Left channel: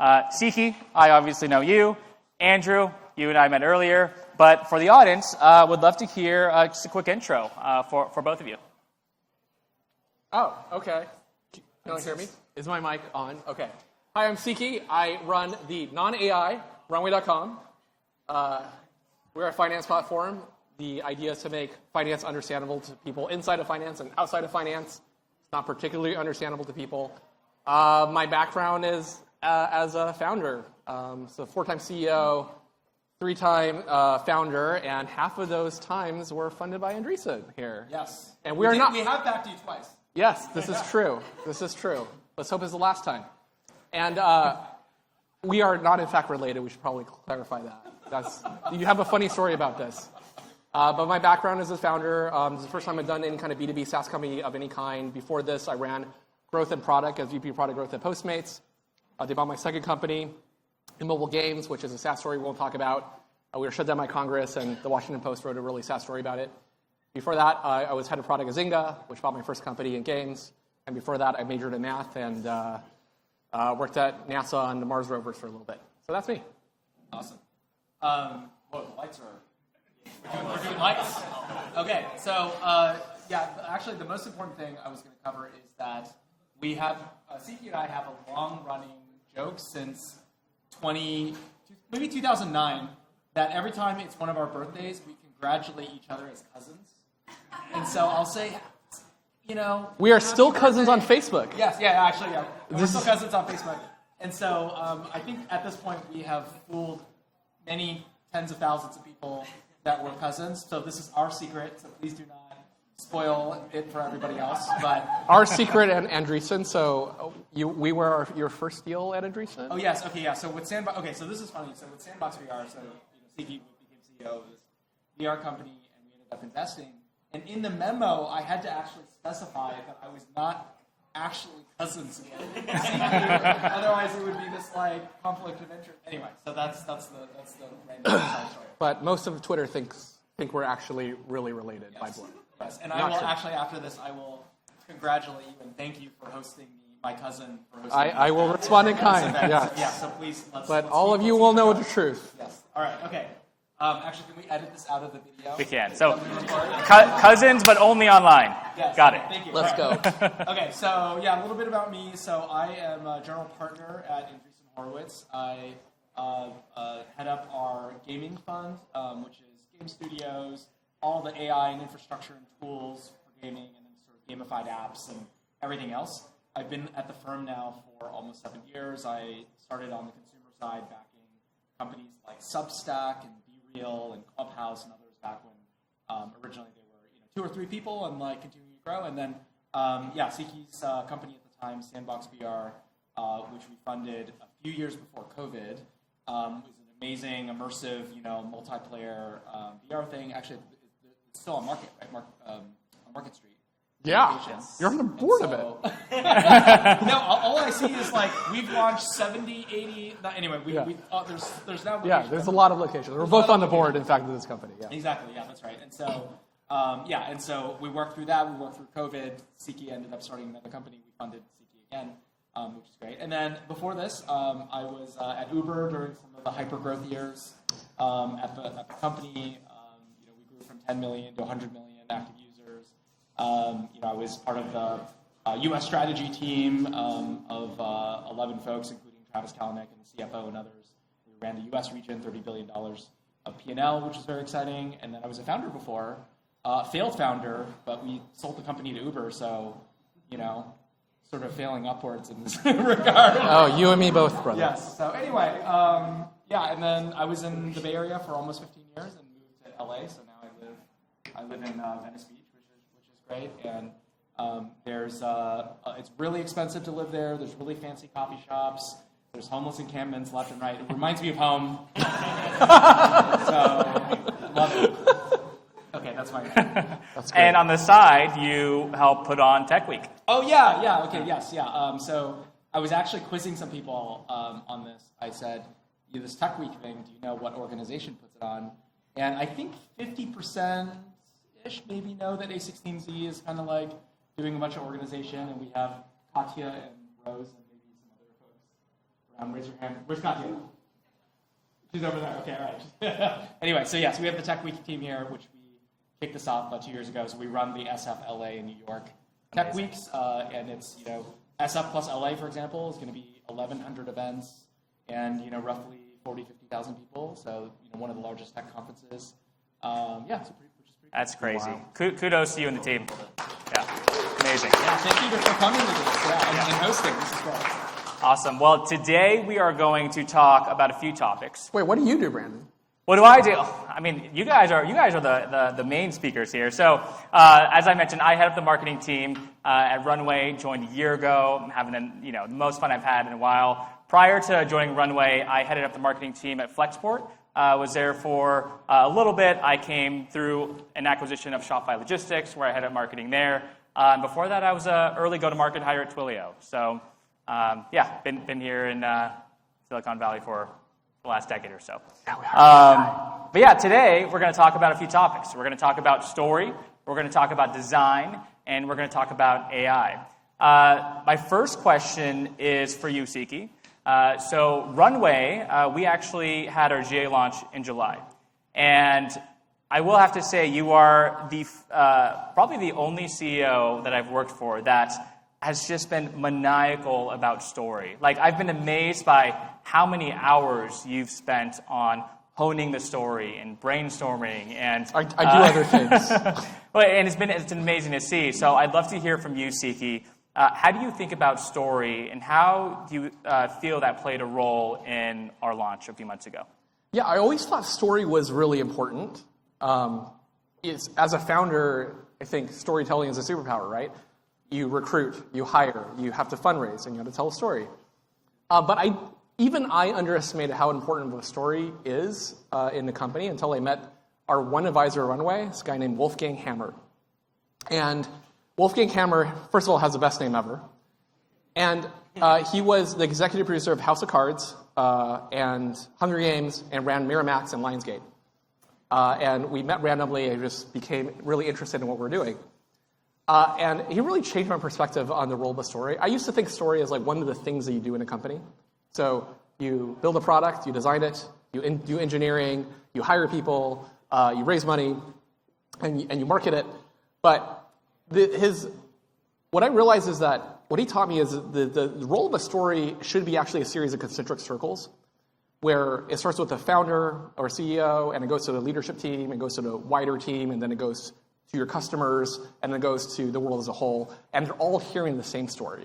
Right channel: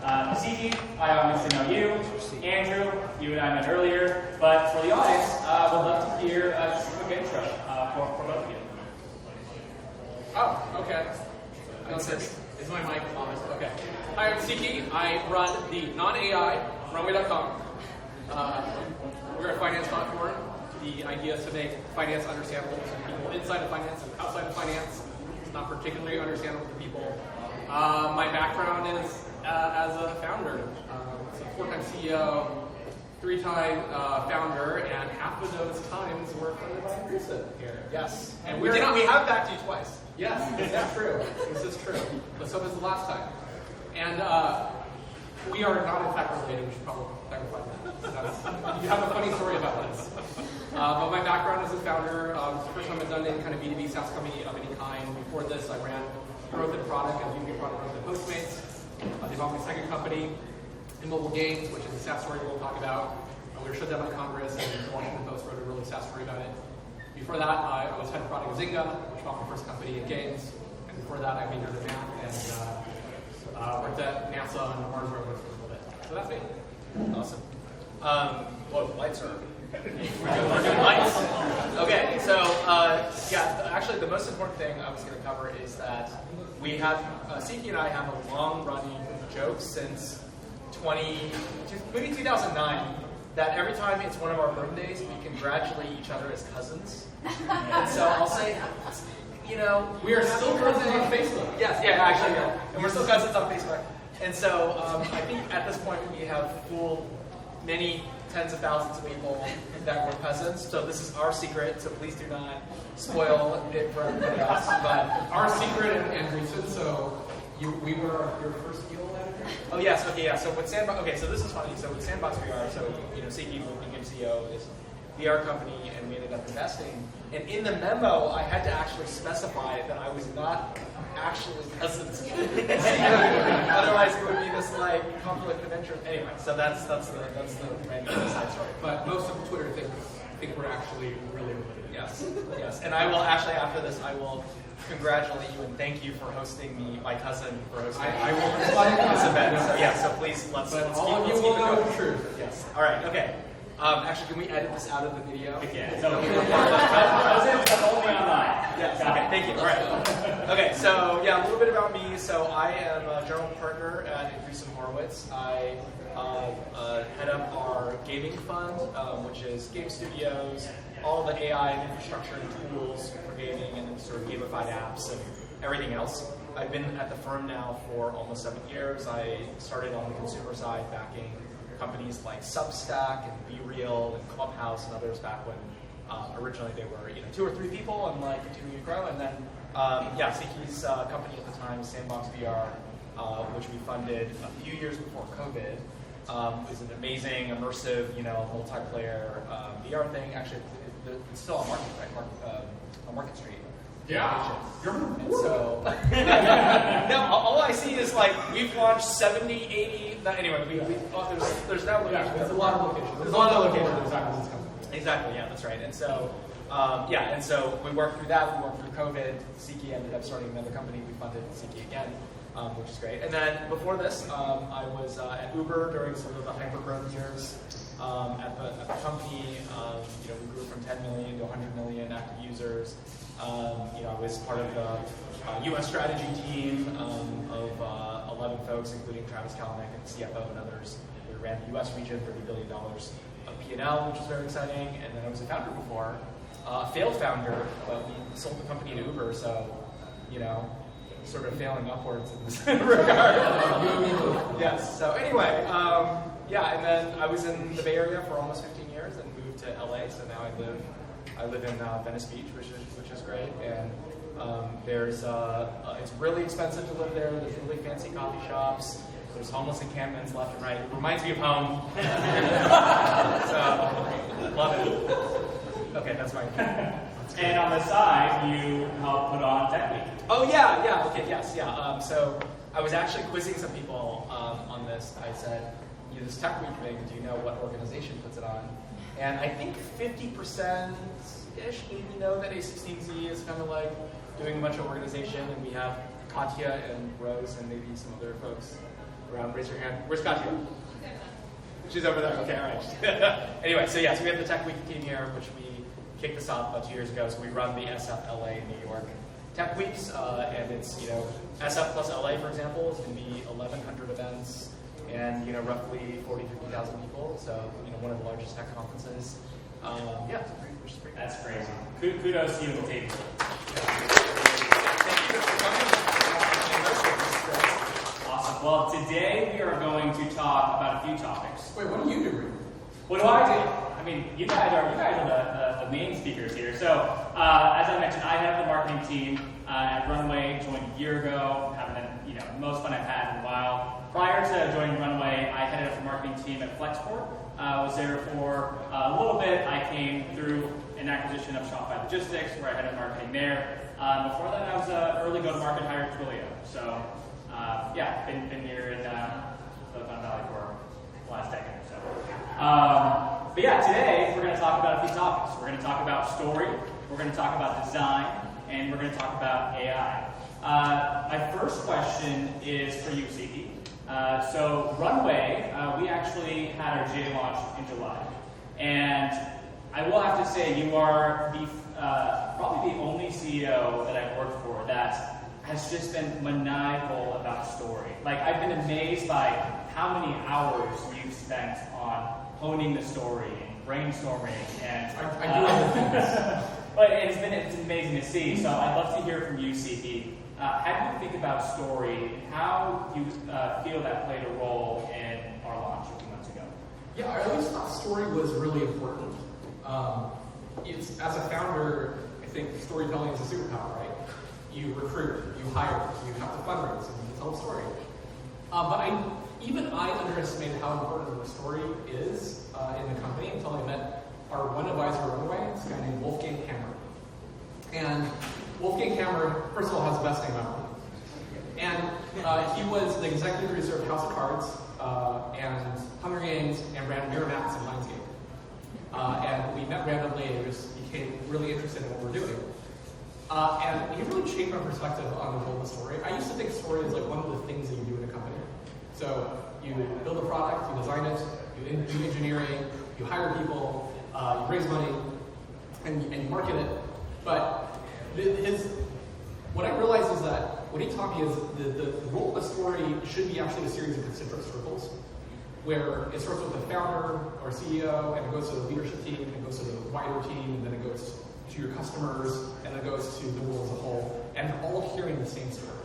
Siqi, I obviously know you. Andrew, you and I met earlier. But for the audience, would love to hear just a quick intro for both of you. Oh, okay. Don't hear me? Is my mic on? Okay. Hi, I'm Siqi. I run the non-AI Runway.com. We're a finance platform. The idea is to make finance understandable to people inside of finance and outside of finance. It's not particularly understandable to people. My background is as a founder. So 4-time CEO, 3-time founder, and half of those times were funded by Andreessen here. Yes. And we have backed you twice. Yes, this is true. This is true. Let's hope it's the last time. And we are not in fact related. We should probably clarify that. You have a funny story about this. But my background as a founder, it's the first time I've done any kind of B2B SaaS company of any kind. Before this, I ran growth and product as VP product growth at Postmates. They bought my second company, in mobile games, which is a SaaS story we'll talk about. We were shut down by Congress, and the Washington Post wrote a really sad story about it. Before that, I was head of product at Zynga, which bought my first company in games. And before that, I majored in math and worked at NASA on the Mars rovers for a little bit. So that's me. Awesome. Well, lights are. We're doing lights. Okay, so yeah, actually, the most important thing I was going to cover is that we have Siqi and I have a long-running joke since maybe 2009. That every time it's one of our birthdays, we congratulate each other as cousins. And so I'll say, you know, we are still cousins on Facebook. Yes, yeah, actually, yeah. We're still cousins on Facebook. And so I think at this point we have fooled many tens of thousands of people that we're cousins. So this is our secret, so please do not spoil it for everybody else. But our secret and Andreessen, so we were your first deal at Andreessen? Oh yes, okay, yeah. So with Sandbox, okay, so this is funny. So with Sandbox VR, so you know, Siqi, who became CEO of this VR company, and we ended up investing. And in the memo, I had to actually specify that I was not actually cousins. Otherwise, it would be this like conflict of interest. Anyway, so that's the random side story. But most of Twitter think we're actually really related. Yes, yes. And I will actually after this, I will congratulate you and thank you for hosting me, my cousin, for hosting me. I will respond in kind. Yeah. So, yeah, so please let's. But all of you will know the truth. Yes. All right. Okay. Actually, can we edit this out of the video? We can. So, cousins, but only online. Yes. Got it. Thank you. Let's go. Okay, so yeah, a little bit about me. So I am a general partner at Andreessen Horowitz. I head up our gaming fund, which is game studios, all the AI and infrastructure and tools for gaming, and then sort of gamified apps and everything else. I've been at the firm now for almost 7 years. I started on the consumer side, backing companies like Substack and BeReal and Clubhouse and others back when originally they were 2 or 3 people and like continuing to grow. And then yeah, Siqi's company at the time, Sandbox VR, which we funded a few years before COVID, is an amazing, immersive, multiplayer VR thing. Actually, it's still on market, right? On Market Street. Yeah, you're on the board of it. No, all I see is like we've launched 70, 80. Anyway, there's now. Yeah, there's a lot of locations. We're both on the board, in fact, of this company. Yeah. Exactly. Yeah, that's right. And so, and so we worked through that. We worked through COVID. Siqi ended up starting another company. We funded Siqi again, which is great. And then before this, I was at Uber during sort of the hyper growth years at the company. We grew from 10 million to 100 million active users. I was part of the U.S. strategy team of 11 folks, including Travis Kalanick and the CFO and others. We ran the U.S. region, $30 billion of P&L, which was very exciting. And then I was a founder before, failed founder, but we sold the company to Uber, so, sort of failing upwards in this regard. Oh, you and me both, brother. Yes. So anyway, and then I was in the Bay Area for almost 15 years and moved to LA, so now I live in Venice Beach, which is great, and it's really expensive to live there. There's really fancy coffee shops. There's homeless encampments left and right. It reminds me of home. So, love it. Okay, that's fine. That's great. And on the side, you help put on Tech Week. Oh yeah, okay, yes, yeah. So I was actually quizzing some people on this. I said, this Tech Week thing, do you know what organization puts it on? And I think 50%-ish maybe know that A16Z is kind of like doing a bunch of organization, and we have Katya and Rose and maybe some other folks around, raise your hand. Where's Katya? She's over there. Okay, all right. Anyway, so yes, we have the Tech Week team here, which we kicked this off about 2 years ago. So we run the SF LA New York Tech Weeks, and it's SF plus LA, for example, is going to be 1,100 events, and roughly 50,000 people. So one of the largest tech conferences. Yeah, it's pretty That's crazy. Wow. Kudos to you and the team. Yeah, amazing. Yeah, thank you for coming and hosting. This is great. Awesome. Well, today we are going to talk about a few topics. Wait, what do you do, Brandon? What do I do? I mean, you guys are the main speakers here. So, as I mentioned, I head up the marketing team at Runway. Joined a year ago. I'm having the most fun I've had in a while. Prior to joining Runway, I headed up the marketing team at Flexport. Was there for a little bit. I came through an acquisition of Shopify Logistics, where I headed up marketing there. Before that, I was an early go-to-market hire at Twilio. So, yeah, been here in Silicon Valley for the last decade or so. But yeah, today we're going to talk about a few topics. We're going to talk about story, we're going to talk about design, and we're going to talk about AI. My first question is for you, Siqi. So Runway, we actually had our GA launch in July. And I will have to say you are the probably the only CEO that I've worked for that has just been maniacal about story. Like, I've been amazed by how many hours you've spent on honing the story and brainstorming. And I do other things. And it's been amazing to see. So I'd love to hear from you, Siqi. How do you think about story, and how do you feel that played a role in our launch a few months ago? Yeah, I always thought story was really important. As a founder, I think storytelling is a superpower, right? You recruit, you hire, you have to fundraise, and you have to tell a story. But I underestimated how important the story is in the company until I met our one advisor at Runway, this guy named Wolfgang Hammer. And Wolfgang Hammer, first of all, has the best name ever. And he was the executive producer of House of Cards and Hunger Games, and ran Miramax and Lionsgate. And we met randomly and just became really interested in what we're doing. And he really changed my perspective on the role of the story. I used to think story is like one of the things that you do in a company. So you build a product, you design it, you do engineering, you hire people, you raise money, and you market it. But what I realized is that what he taught me is the role of a story should be actually a series of concentric circles, where it starts with the founder or CEO, and it goes to the leadership team, and goes to the wider team, and then it goes to your customers, and then it goes to the world as a whole, and they're all hearing the same story.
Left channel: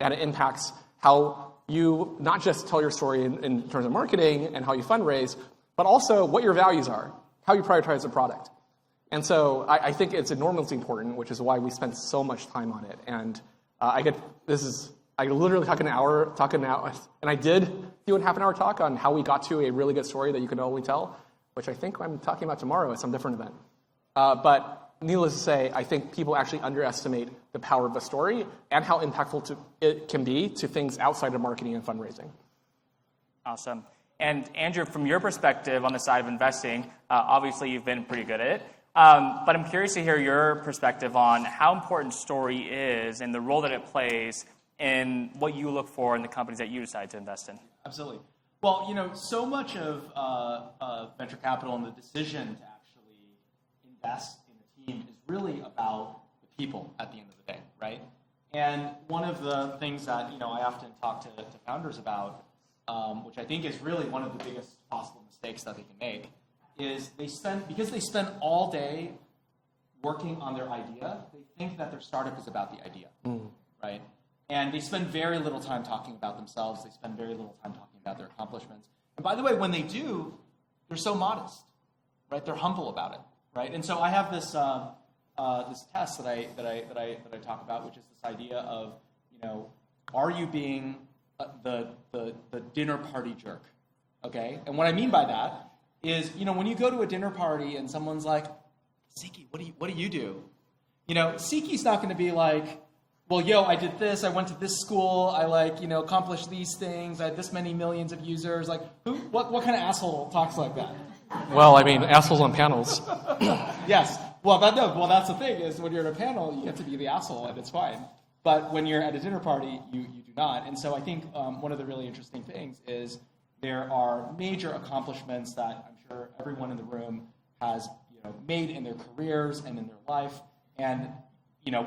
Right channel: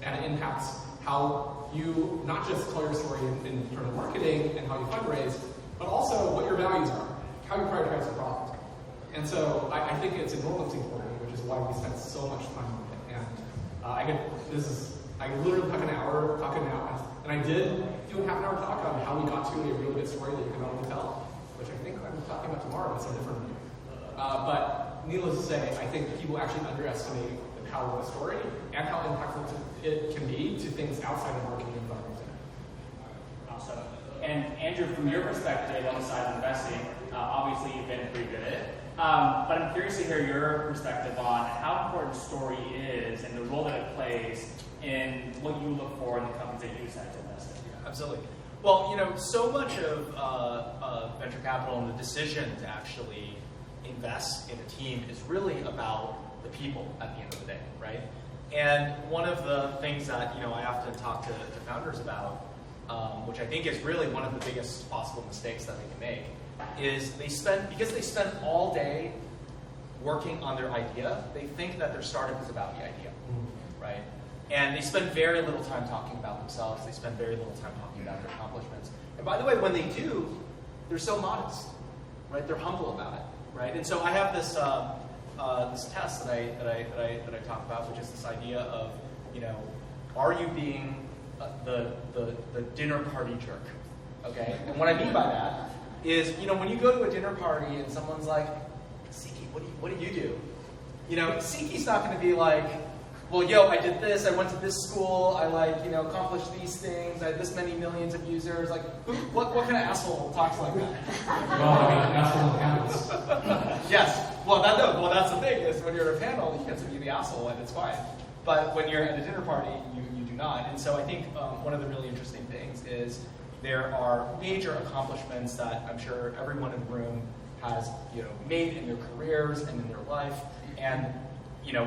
And it impacts how you not just tell your story in terms of marketing and how you fundraise, but also what your values are, how you prioritize the product. And so I think it's enormously important, which is why we spent so much time on it. And I literally talk an hour, and I did do a half-an-hour talk on how we got to a really good story that you can only tell, which I think I'm talking about tomorrow at some different event. But needless to say, I think people actually underestimate the power of a story and how impactful it can be to things outside of marketing and fundraising. Awesome. And Andrew, from your perspective on the side of investing, obviously you've been pretty good at it. But I'm curious to hear your perspective on how important story is and the role that it plays in what you look for in the companies that you decide to invest in. Absolutely. Well, so much of venture capital and the decision to actually invest in a team is really about the people at the end of the day, right? And one of the things that I often talk to founders about, which I think is really one of the biggest possible mistakes that they can make, is because they spend all day working on their idea, they think that their startup is about the idea, right? And they spend very little time talking about themselves. They spend very little time talking about their accomplishments. And by the way, when they do, they're so modest, right? They're humble about it, right? And so I have this this test that I talk about, which is this idea of, are you being the dinner party jerk? Okay, and what I mean by that is, when you go to a dinner party and someone's like, Siqi, what do you do? Siqi's not going to be like, well, I did this, I went to this school, I accomplished these things, I had this many millions of users. Like, what kind of asshole talks like that? Well, I mean, assholes on panels. Yes. Well, that's the thing, is when you're at a panel, you get to be the asshole, and it's fine. But when you're at a dinner party, you do not. And so I think one of the really interesting things is there are major accomplishments that I'm sure everyone in the room has made in their careers and in their life. And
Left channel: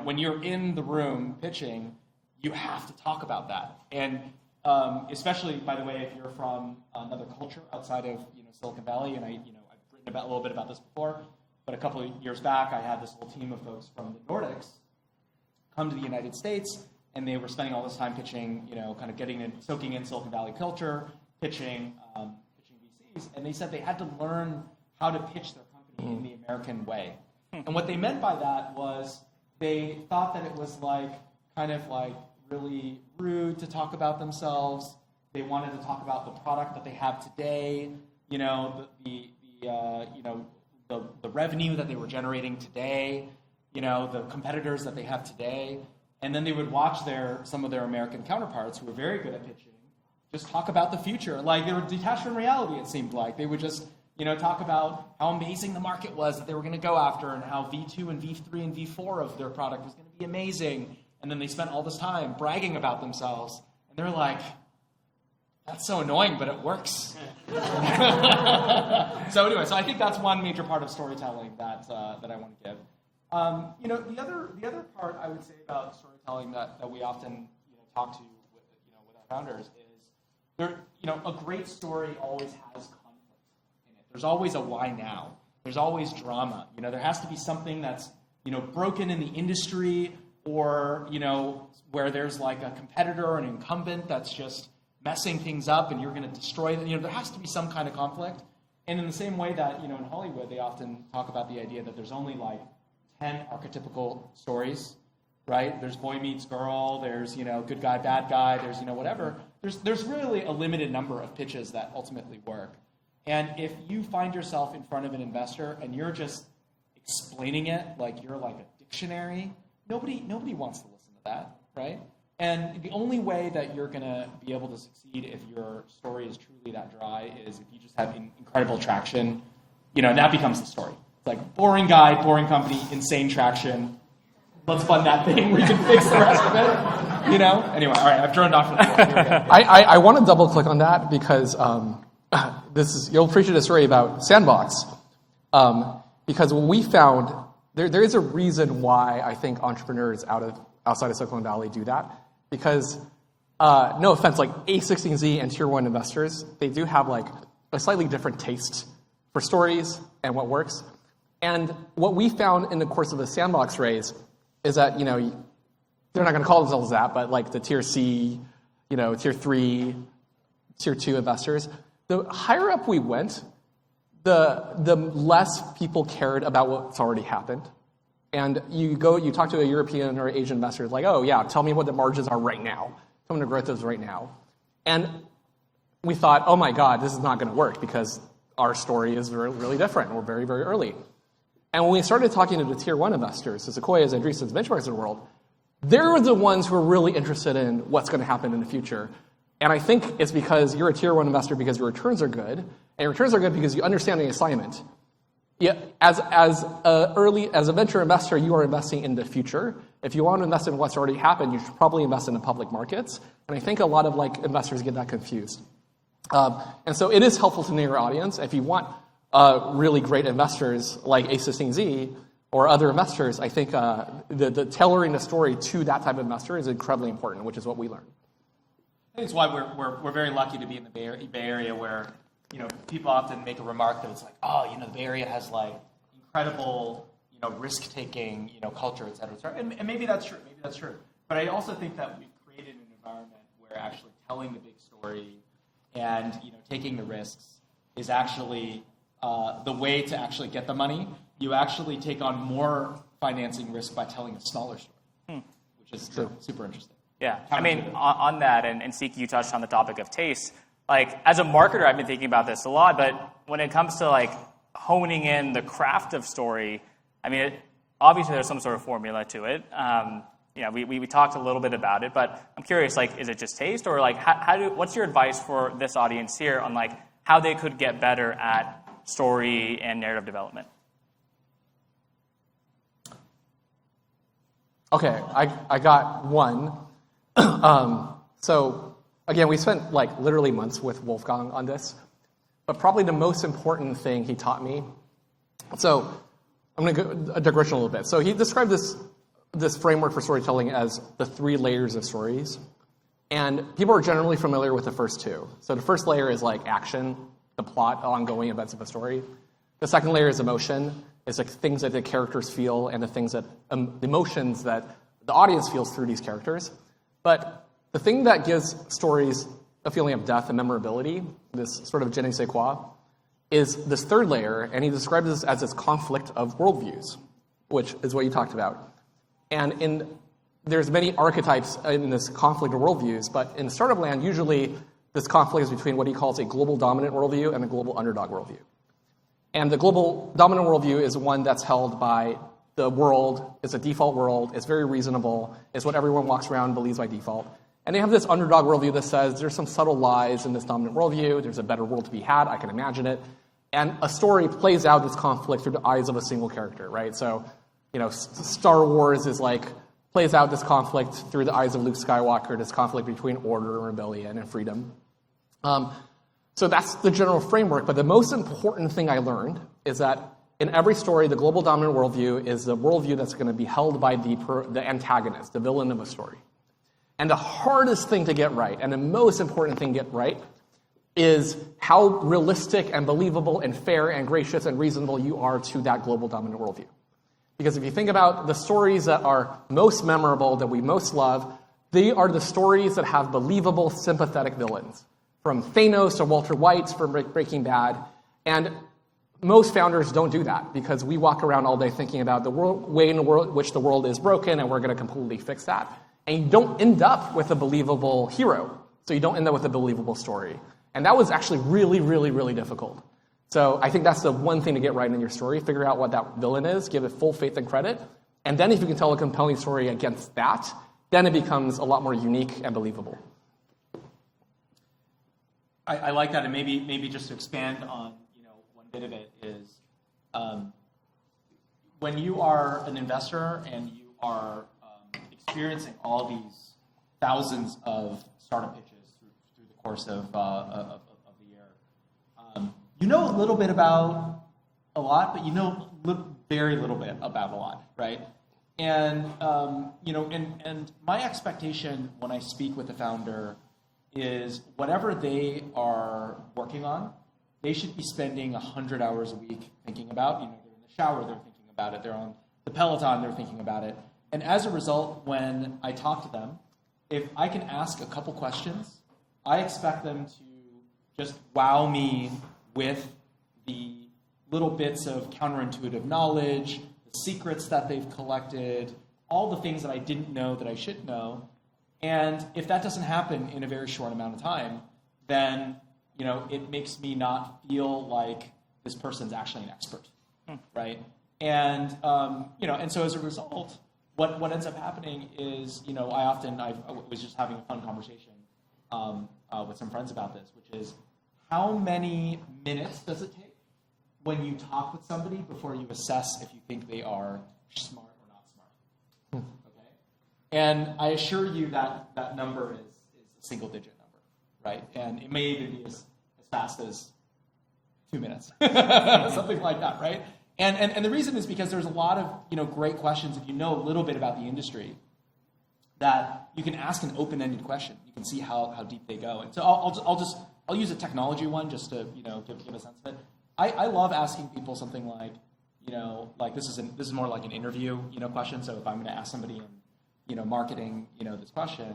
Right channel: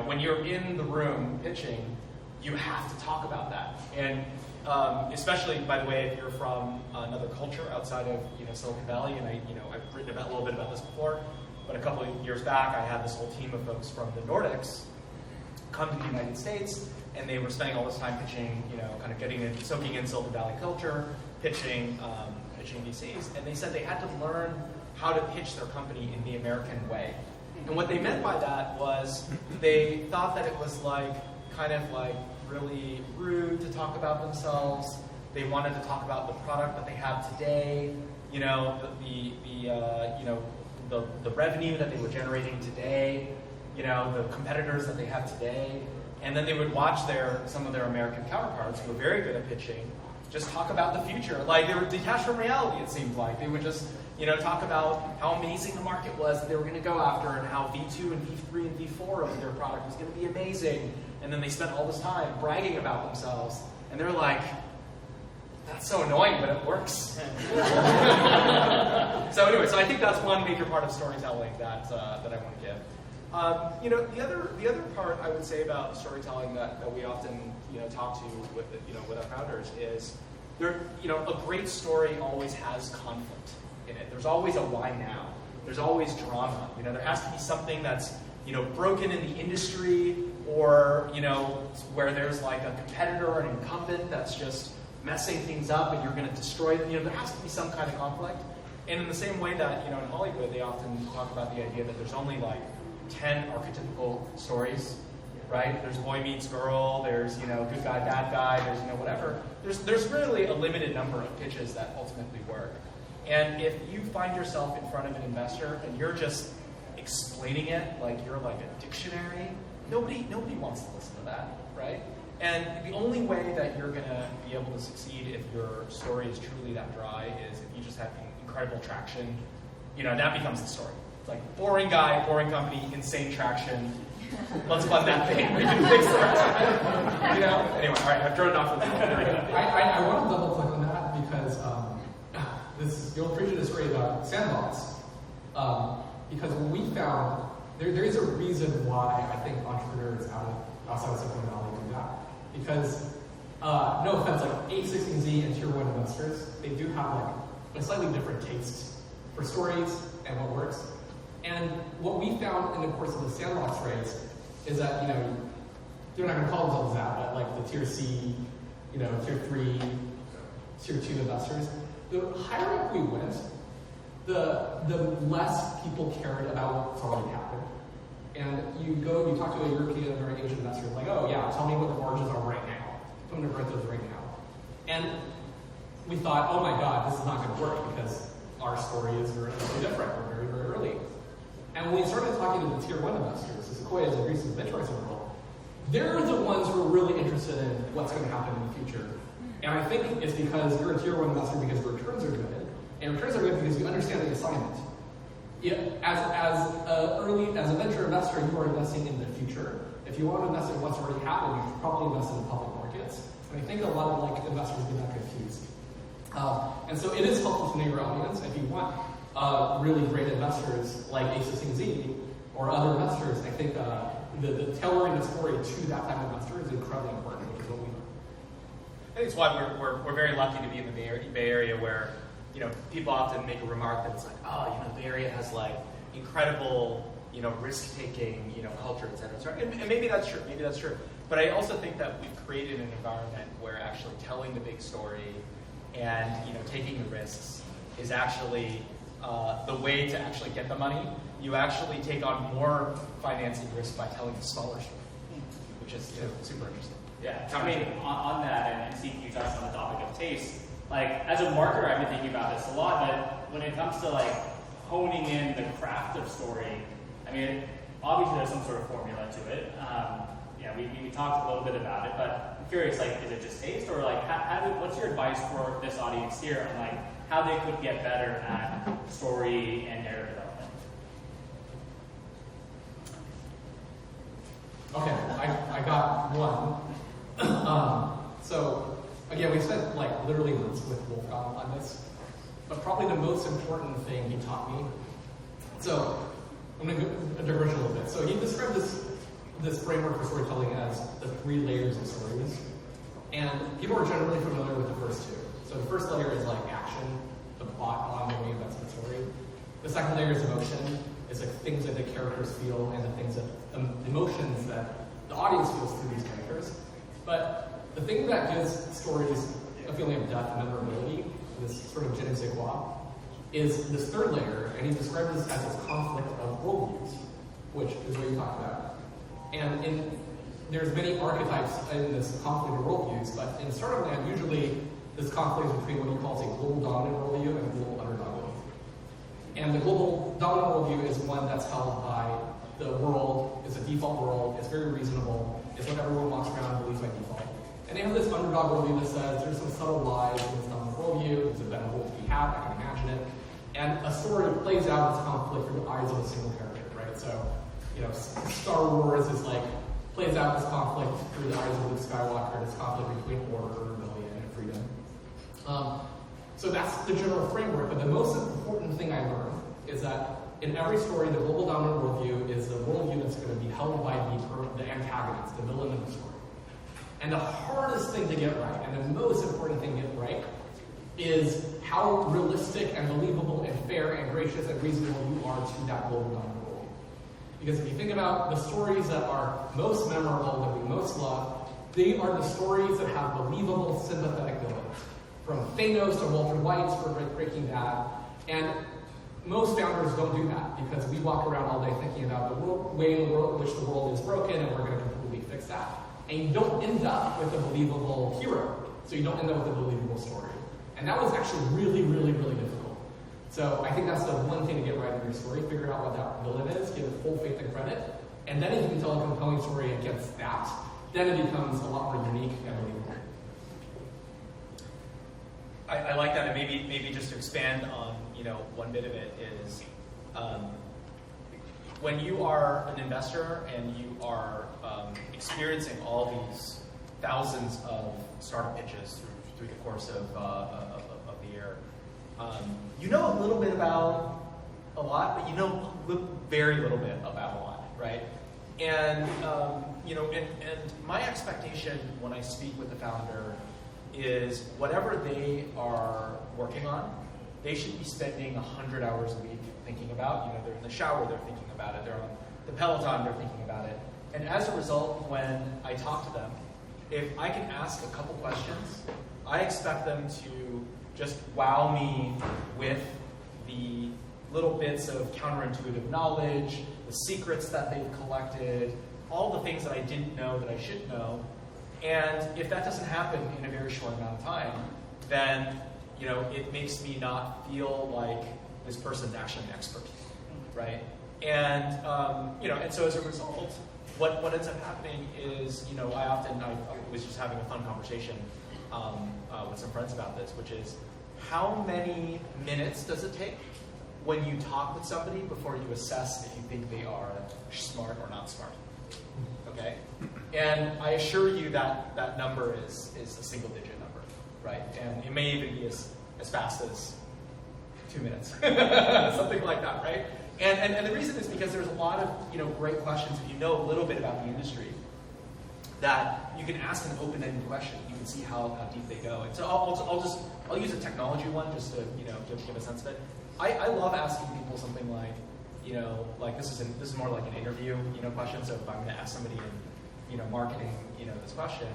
when you're in the room pitching, you have to talk about that. And especially, by the way, if you're from another culture outside of Silicon Valley, and I've written a little bit about this before, but a couple of years back, I had this whole team of folks from the Nordics come to the United States, and they were spending all this time pitching, kind of soaking in Silicon Valley culture, pitching VCs, and they said they had to learn how to pitch their company in the American way. And what they meant by that was they thought that it was kind of really rude to talk about themselves. They wanted to talk about the product that they have today, the revenue that they were generating today, the competitors that they have today. And then they would watch some of their American counterparts who were very good at pitching just talk about the future. They were detached from reality, it seemed like. They would just talk about how amazing the market was that they were going to go after, and how V2 and V3 and V4 of their product was going to be amazing. And then they spent all this time bragging about themselves, and they're like, that's so annoying, but it works. So anyway, so I think that's one major part of storytelling that I want to give. The other part I would say about storytelling that we often talk to with our founders is a great story always has conflict in it. There's always a why now. There's always drama. There has to be something that's broken in the industry, or where there's a competitor or an incumbent that's just messing things up and you're going to destroy it. There has to be some kind of conflict. And in the same way that in Hollywood they often talk about the idea that there's only 10 archetypical stories, right? There's boy meets girl, there's good guy, bad guy, there's whatever. There's really a limited number of pitches that ultimately work. And if you find yourself in front of an investor and you're just explaining it like you're a dictionary, nobody wants to listen to that, right? And the only way that you're going to be able to succeed if your story is truly that dry is if you just have incredible traction. That becomes the story. Boring guy, boring company, insane traction. Let's fund that thing. We can fix the rest of it. Anyway, all right, I've droned on for the I want to double click on that because you'll appreciate a story about Sandbox. Because what we found, there is a reason why I think entrepreneurs outside of Silicon Valley do that. Because, no offense, A16Z and Tier 1 investors, they do have a slightly different taste for stories and what works. And what we found in the course of the Sandbox raise is that, they're not going to call themselves that, but the Tier C, Tier 3, Tier 2 investors, the higher up we went, the less people cared about what's already happened. And you talk to a European or Asian investor, oh yeah, tell me what the margins are right now. I'm going to growth those right now. And we thought, oh my God, this is not going to work because our story is really different. We're very, very early. And when we started talking to the Tier 1 investors, the Sequoias and Andreessen's benchmarks of the world, they're the ones who are really interested in what's going to happen in the future. And I think it's because you're a Tier 1 investor because your returns are good, and your returns are good because you understand the assignment. As a venture investor, you are investing in the future. If you want to invest in what's already happened, you should probably invest in the public markets. And I think a lot of investors get that confused. And so it is helpful to know your audience. If you want really great investors like A16Z or other investors, I think the tailoring the story to that type of investor is incredibly important, which is what we learned. I think it's why we're very lucky to be in the Bay Area, where people often make a remark that it's the Bay Area has incredible risk-taking culture, et cetera. And maybe that's true. Maybe that's true. But I also think that we've created an environment where actually telling the big story and taking the risks is actually the way to actually get the money. You actually take on more financing risk by telling a smaller story, which is super interesting. Yeah, I mean, on that, and Siqi, you touched on the topic of taste. As a marketer, I've been thinking about this a lot, but when it comes to honing in the craft of story, I mean, obviously there's some sort of formula to it. We talked a little bit about it, but I'm curious, is it just taste, or what's your advice for this audience here on how they could get better at story and narrative development? Okay, I got one. So again, we spent like literally months with Wolfgang on this, but probably the most important thing he taught me. So I'm going to digress a little bit. So he described this framework for storytelling as the 3 layers of stories. And people are generally familiar with the first 2. So the first layer is like action, the plot, ongoing events of the story. The second layer is emotion. It's like things that the characters feel and the things that the emotions that the audience feels through these characters. But the thing that gives stories a feeling of depth and memorability, this sort of je ne sais quoi, is this third layer, and he described this as this conflict of worldviews, which is what you talked about. And there's many archetypes in this conflict of worldviews, but in Startup Land, usually this conflict is between what he calls a global dominant worldview and a global underdog worldview. And the global dominant worldview is one that's held by the world, it's a default world, it's very reasonable, it's what everyone walks around and believes by default. And they have this underdog worldview that says there's some subtle lies in this dominant worldview, there's a better world to be had, I can imagine it. And a story plays out this conflict through the eyes of a single character, right? So, Star Wars is like, plays out this conflict through the eyes of Luke Skywalker, this conflict between order, rebellion, and freedom. So that's the general framework, but the most important thing I learned is that in every story, the global dominant worldview is the worldview that's going to be held by the antagonist, the villain of a story. And the hardest thing to get right, and the most important thing to get right, is how realistic and believable and fair and gracious and reasonable you are to that global dominant worldview. Because if you think about the stories that are most memorable, that we most love, they are the stories that have believable, sympathetic villains. From Thanos to Walter White from Breaking Bad. And most founders don't do that because we walk around all day thinking about the way in which the world is broken and we're going to completely fix that. And you don't end up with a believable hero. So you don't end up with a believable story. And that was actually really, really, really difficult. So I think that's the one thing to get right in your story. Figure out what that villain is, give it full faith and credit. And then if you can tell a compelling story against that, then it becomes a lot more unique and believable. I like that, and maybe just to expand on one bit of it is when you are an investor and you are experiencing all these thousands of startup pitches through the course of the year, you know a little bit about a lot, but you know very little bit about a lot, right? And and my expectation when I speak with the founder is whatever they are working on, they should be spending 100 hours a week thinking about. They're in the shower, they're thinking about it. They're on the Peloton, they're thinking about it. And as a result, when I talk to them, if I can ask a couple questions, I expect them to just wow me with the little bits of counterintuitive knowledge, the secrets that they've collected, all the things that I didn't know that I should know. And if that doesn't happen in a very short amount of time, then it makes me not feel like this person's actually an expert, right? And and so as a result, what ends up happening is I was just having a fun conversation with some friends about this, which is how many minutes does it take when you talk with somebody before you assess if you think they are smart or not smart? Okay. And I assure you that that number is a single digit number, right? And it may even be as fast as 2 minutes, something like that, right? And the reason is because there's a lot of great questions if you know a little bit about the industry that you can ask an open-ended question. You can see how deep they go. And so I'll use a technology one just to give a sense of it. I love asking people something like this is more like an interview question. So if I'm going to ask somebody in marketing this question,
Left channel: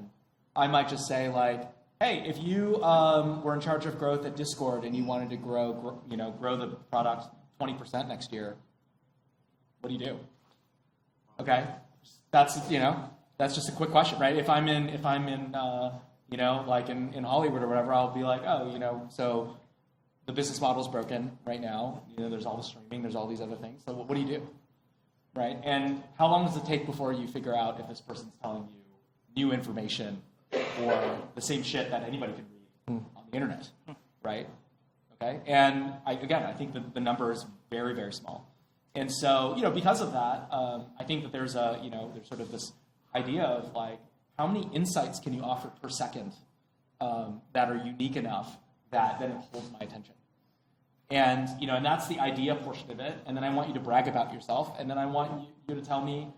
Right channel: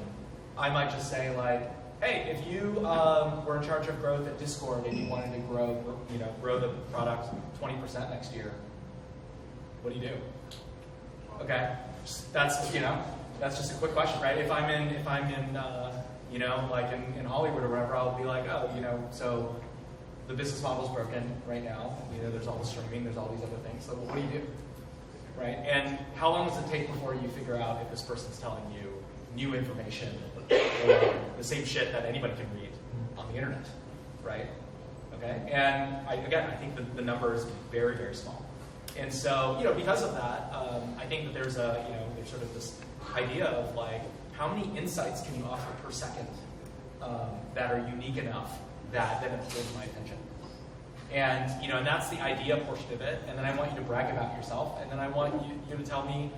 I might just say like, hey, if you were in charge of growth at Discord and you wanted to grow the product 20% next year, what do you do? Okay, that's just a quick question, right? If I'm in like in Hollywood or whatever, I'll be like, so the business model's broken right now. There's all the streaming, there's all these other things. So what do you do, right? And how long does it take before you figure out if this person's telling you new information or the same shit that anybody can read on the internet, right? Okay, and I think the number is very, very small. And so, because of that, I think that there's there's sort of this idea of like, how many insights can you offer per second that are unique enough that then it holds my attention? And and that's the idea portion of it. And then I want you to brag about yourself. And then I want you to tell me,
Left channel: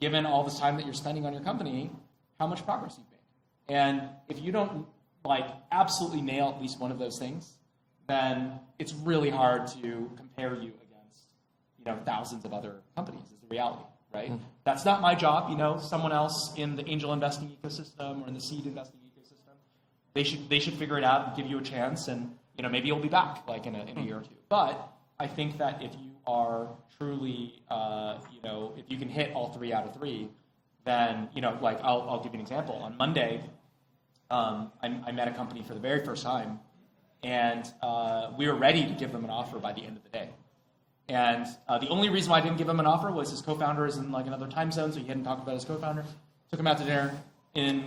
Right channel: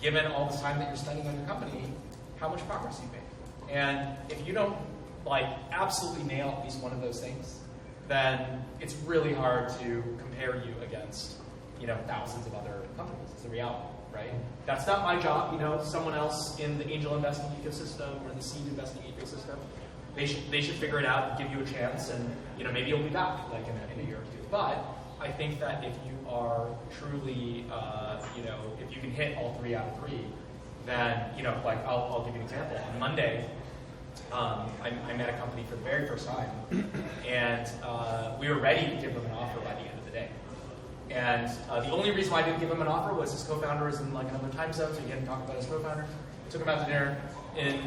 given all this time that you're spending on your company, how much progress you've made. And if you don't like absolutely nail at least one of those things, then it's really hard to compare you against thousands of other companies. It's the reality, right? That's not my job. Someone else in the angel investing ecosystem or in the seed investing ecosystem, they should figure it out and give you a chance, and maybe you'll be back like in a year or two. But I think that if you are truly, if you can hit all 3 out of 3, then like I'll give you an example. On Monday, I met a company for the very first time, and we were ready to give them an offer by the end of the day. And the only reason why I didn't give him an offer was his co-founder is in like another time zone, so he didn't talk about his co-founder. Took him out to dinner, and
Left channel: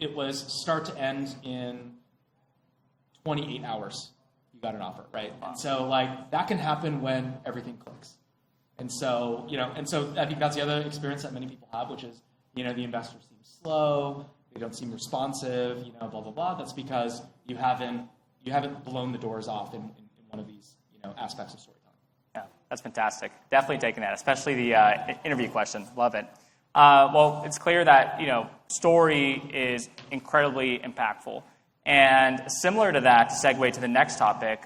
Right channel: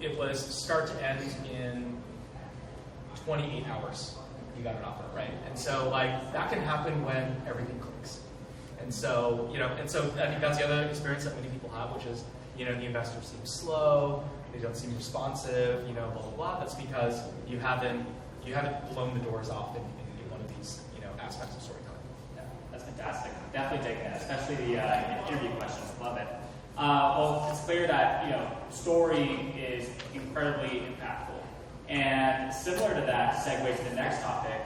it was start to end in 28 hours. You got an offer, right? And so like that can happen when everything clicks. And so I think that's the other experience that many people have, which is the investor seems slow, they don't seem responsive, blah blah blah. That's because you haven't blown the doors off in one of these aspects of storytelling. Yeah, that's fantastic. Definitely taking that, especially the interview questions. Love it. Well, it's clear that story is incredibly impactful, and similar to that, to segue to the next topic,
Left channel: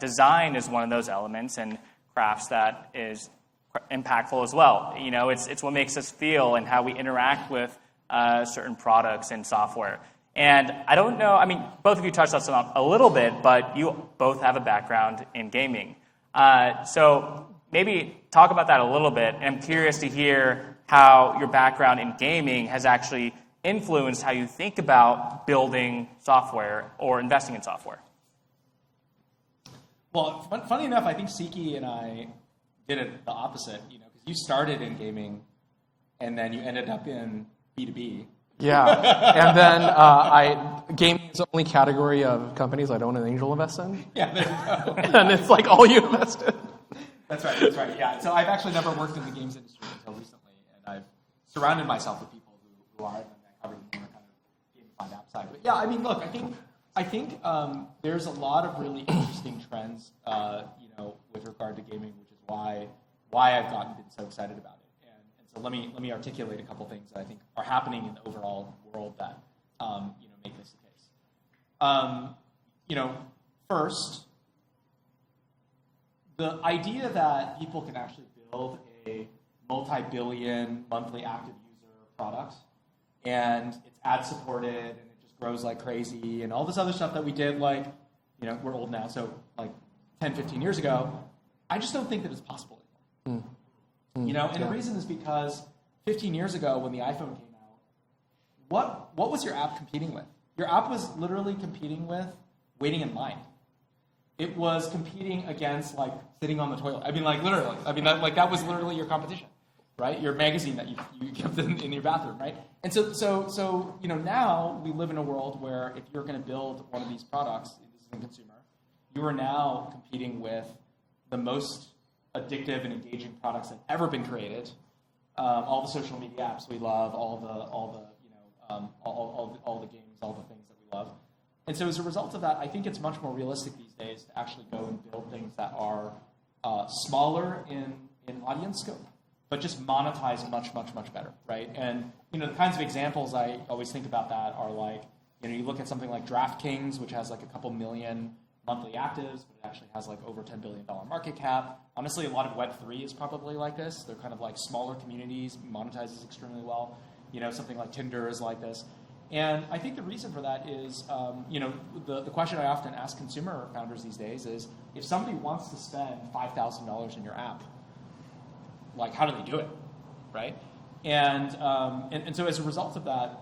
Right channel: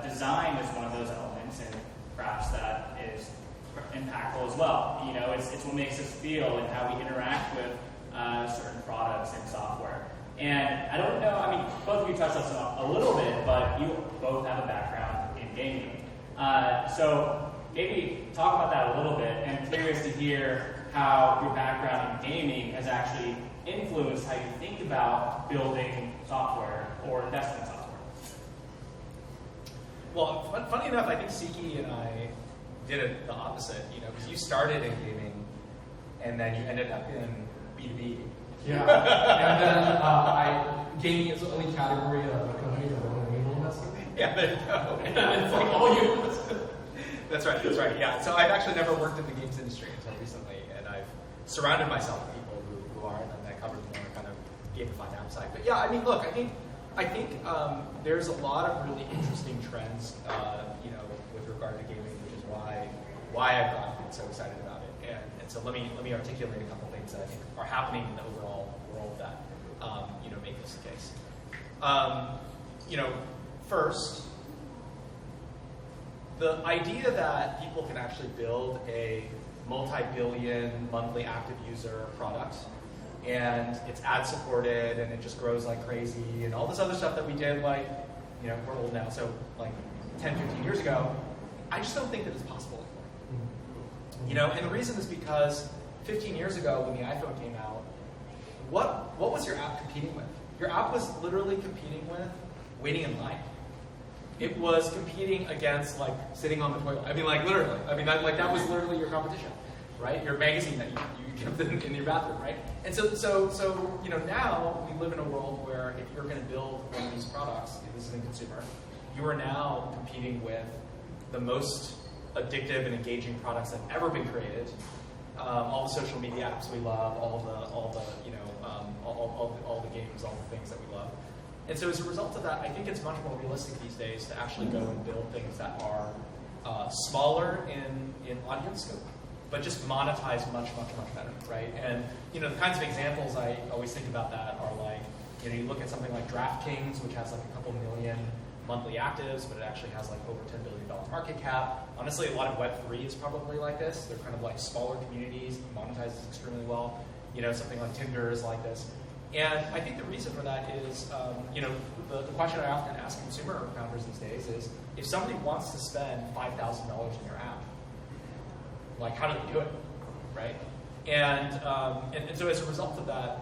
design is one of those elements, and perhaps that is impactful as well. It's what makes us feel and how we interact with certain products and software. And I don't know. I mean, both of you touched on this a little bit, but you both have a background in gaming. So maybe talk about that a little bit. I'm curious to hear how your background in gaming has actually influenced how you think about building software or investing in software. Well, funny enough, I think Siqi and I did it the opposite. Because you started in gaming, and then you ended up in B2B. Yeah, and then gaming is the only category of companies I don't angel invest in. Yeah, there you go. And it's like all you invest in. That's right. Yeah. So I've actually never worked in the games industry until recently, and I've surrounded myself with people who are, and that cover the more kind of gamified outside. But yeah, I mean, look, I think there's a lot of really interesting trends, with regard to gaming, which is why I've gotten so excited about it. And so let me articulate a couple things that I think are happening in the overall world that make this the case. First, the idea that people can actually build a multi-billion monthly active user product, and it's ad supported, and it just grows like crazy, and all this other stuff that we did, like, we're old now, so like 10, 15 years ago, I just don't think that it's possible anymore. And the reason is because 15 years ago when the iPhone came out, what was your app competing with? Your app was literally competing with waiting in line. It was competing against like sitting on the toilet. I mean, like literally. I mean, that was literally your competition, right? Your magazine that you kept in your bathroom, right? And so now we live in a world where if you're going to build one of these products, this is a consumer, you are now competing with the most addictive and engaging products that have ever been created. All the social media apps we love, all the games, all the things that we love. And so as a result of that, I think it's much more realistic these days to actually go and build things that are smaller in audience scope, but just monetize much better, right? And the kinds of examples I always think about that are like, you look at something like DraftKings, which has like a couple million monthly actives, but it actually has like over $10 billion market cap. Honestly, a lot of Web3 is probably like this. They're kind of like smaller communities, monetizes extremely well. Something like Tinder is like this. And I think the reason for that is, the question I often ask consumer founders these days is, if somebody wants to spend $5,000 in your app, like how do they do it, right? And so as a result of that,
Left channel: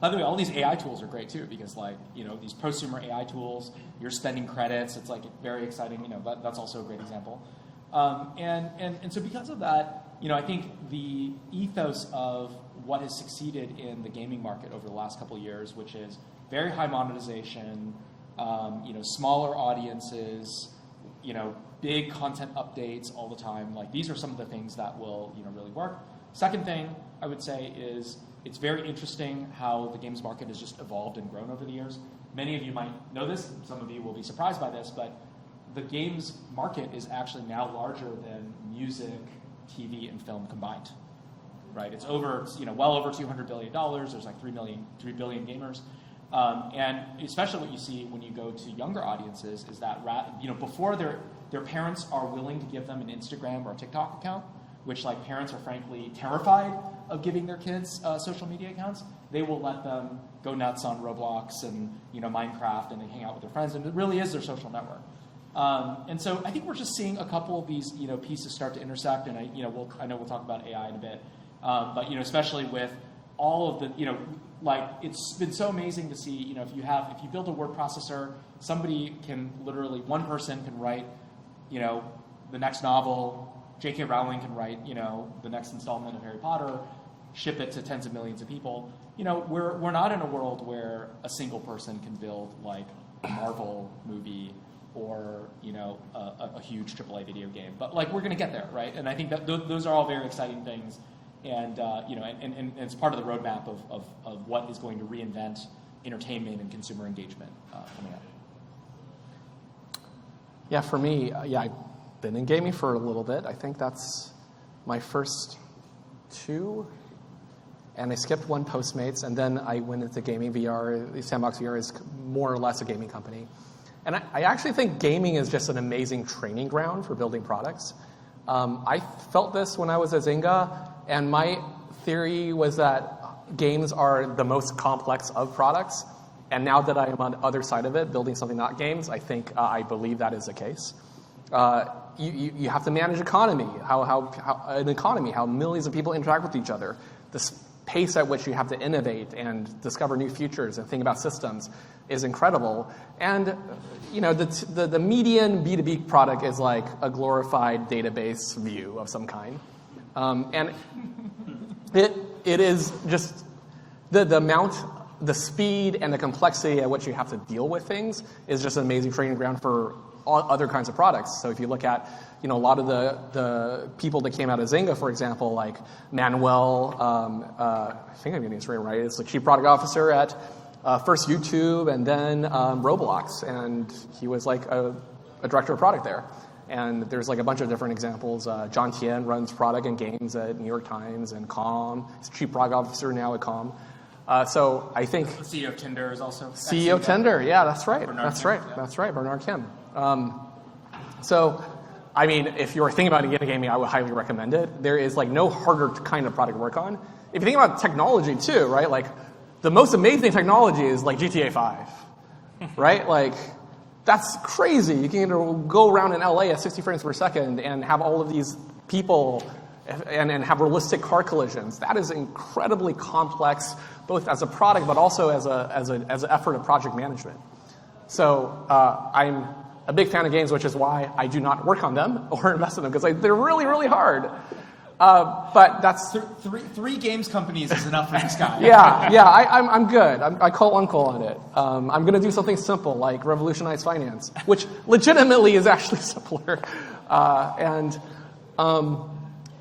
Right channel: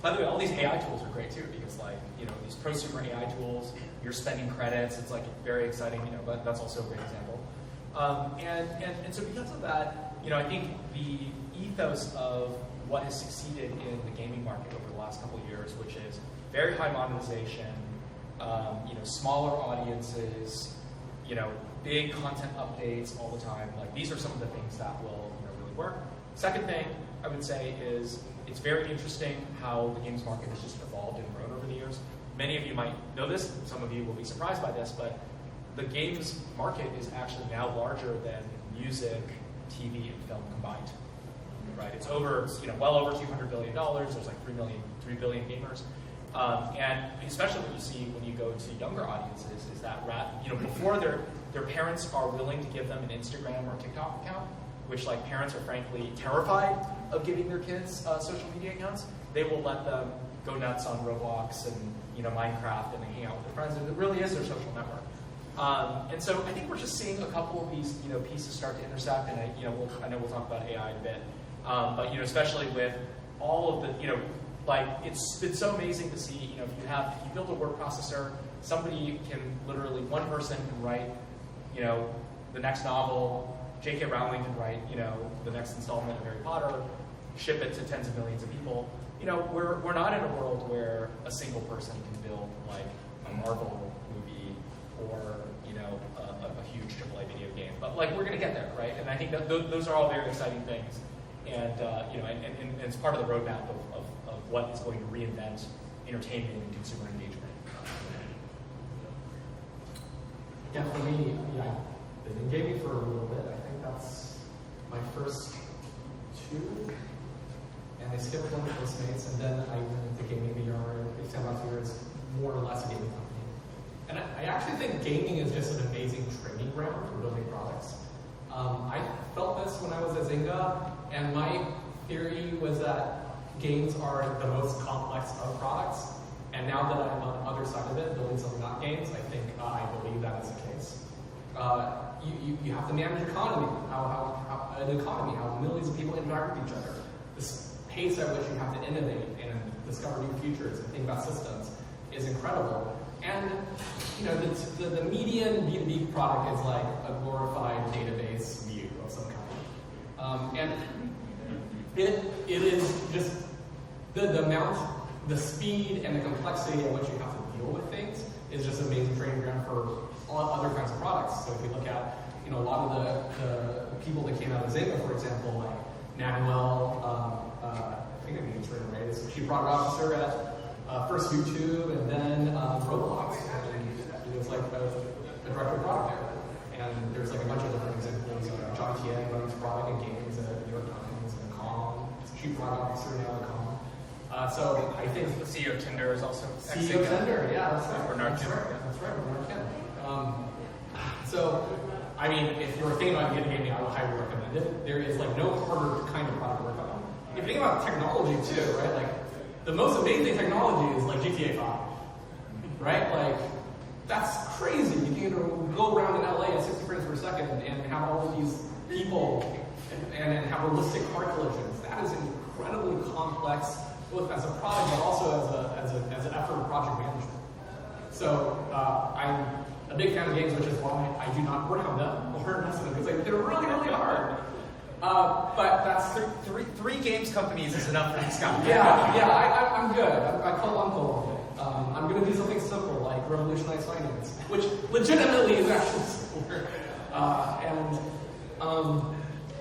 by the way, all these AI tools are great too, because like, these prosumer AI tools, you're spending credits, it's like very exciting, that's also a great example. And so because of that, I think the ethos of what has succeeded in the gaming market over the last couple of years, which is very high monetization, smaller audiences, big content updates all the time. Like these are some of the things that will really work. Second thing, I would say, is it's very interesting how the games market has just evolved and grown over the years. Many of you might know this, some of you will be surprised by this, but the games market is actually now larger than music, TV, and film combined. Right? It's over, well over $200 billion. There's like 3 billion gamers. And especially what you see when you go to younger audiences is that before their parents are willing to give them an Instagram or TikTok account, which like parents are frankly terrified of giving their kids social media accounts, they will let them go nuts on Roblox and Minecraft, and they hang out with their friends, and it really is their social network. And so I think we're just seeing a couple of these pieces start to intersect, and I know we'll talk about AI in a bit, but especially with all of the it's been so amazing to see if you build a word processor, somebody can literally, one person can write the next novel, J.K. Rowling can write the next installment of Harry Potter, ship it to tens of millions of people. We're not in a world where a single person can build like a Marvel movie or a huge AAA video game, but like we're going to get there, right? And I think that those are all very exciting things, and and it's part of the roadmap of what is going to reinvent entertainment and consumer engagement. Yeah, for me, I've been in gaming for a little bit. I think that's my first 2. And I skipped one Postmates, and then I went into gaming VR. Sandbox VR is more or less a gaming company. And I actually think gaming is just an amazing training ground for building products. I felt this when I was at Zynga, and my theory was that games are the most complex of products. And now that I'm on the other side of it, building something not games, I think I believe that is the case. You have to manage economy, how millions of people interact with each other. The pace at which you have to innovate and discover new futures and think about systems is incredible. And the median B2B product is like a glorified database view of some kind. And it is just the amount, the speed and the complexity at which you have to deal with things is just an amazing training ground for all other kinds of products. So if you look at a lot of the people that came out of Zynga, for example, like Manuel, I think I'm getting his name right, is the chief product officer at first YouTube and then Roblox, and he was like a director of product there. And there's like a bunch of different examples. John Tien runs product and games at New York Times and Calm. He's chief product officer now at Calm. So I think the CEO of Tinder is also CEO of Tinder. Yeah, that's right. Bernard Kim. Bernard Kim. So, I mean, if you're thinking about getting gaming, I would highly recommend it. There is like no harder kind of product to work on. If you think about technology too, right? Like the most amazing technology is like GTA 5, right? Like that's crazy. You can go around in LA at 60 frames per second and have all of these people and have realistic car collisions. That is incredibly complex, both as a product but also as an effort of project management. So I'm a big fan of games, which is why I do not work on them or invest in them, because they're really, really hard. But that's three games companies is enough for this guy. Yeah, I'm good. I call uncle on it. I'm going to do something simple like revolutionize finance, which legitimately is actually simpler.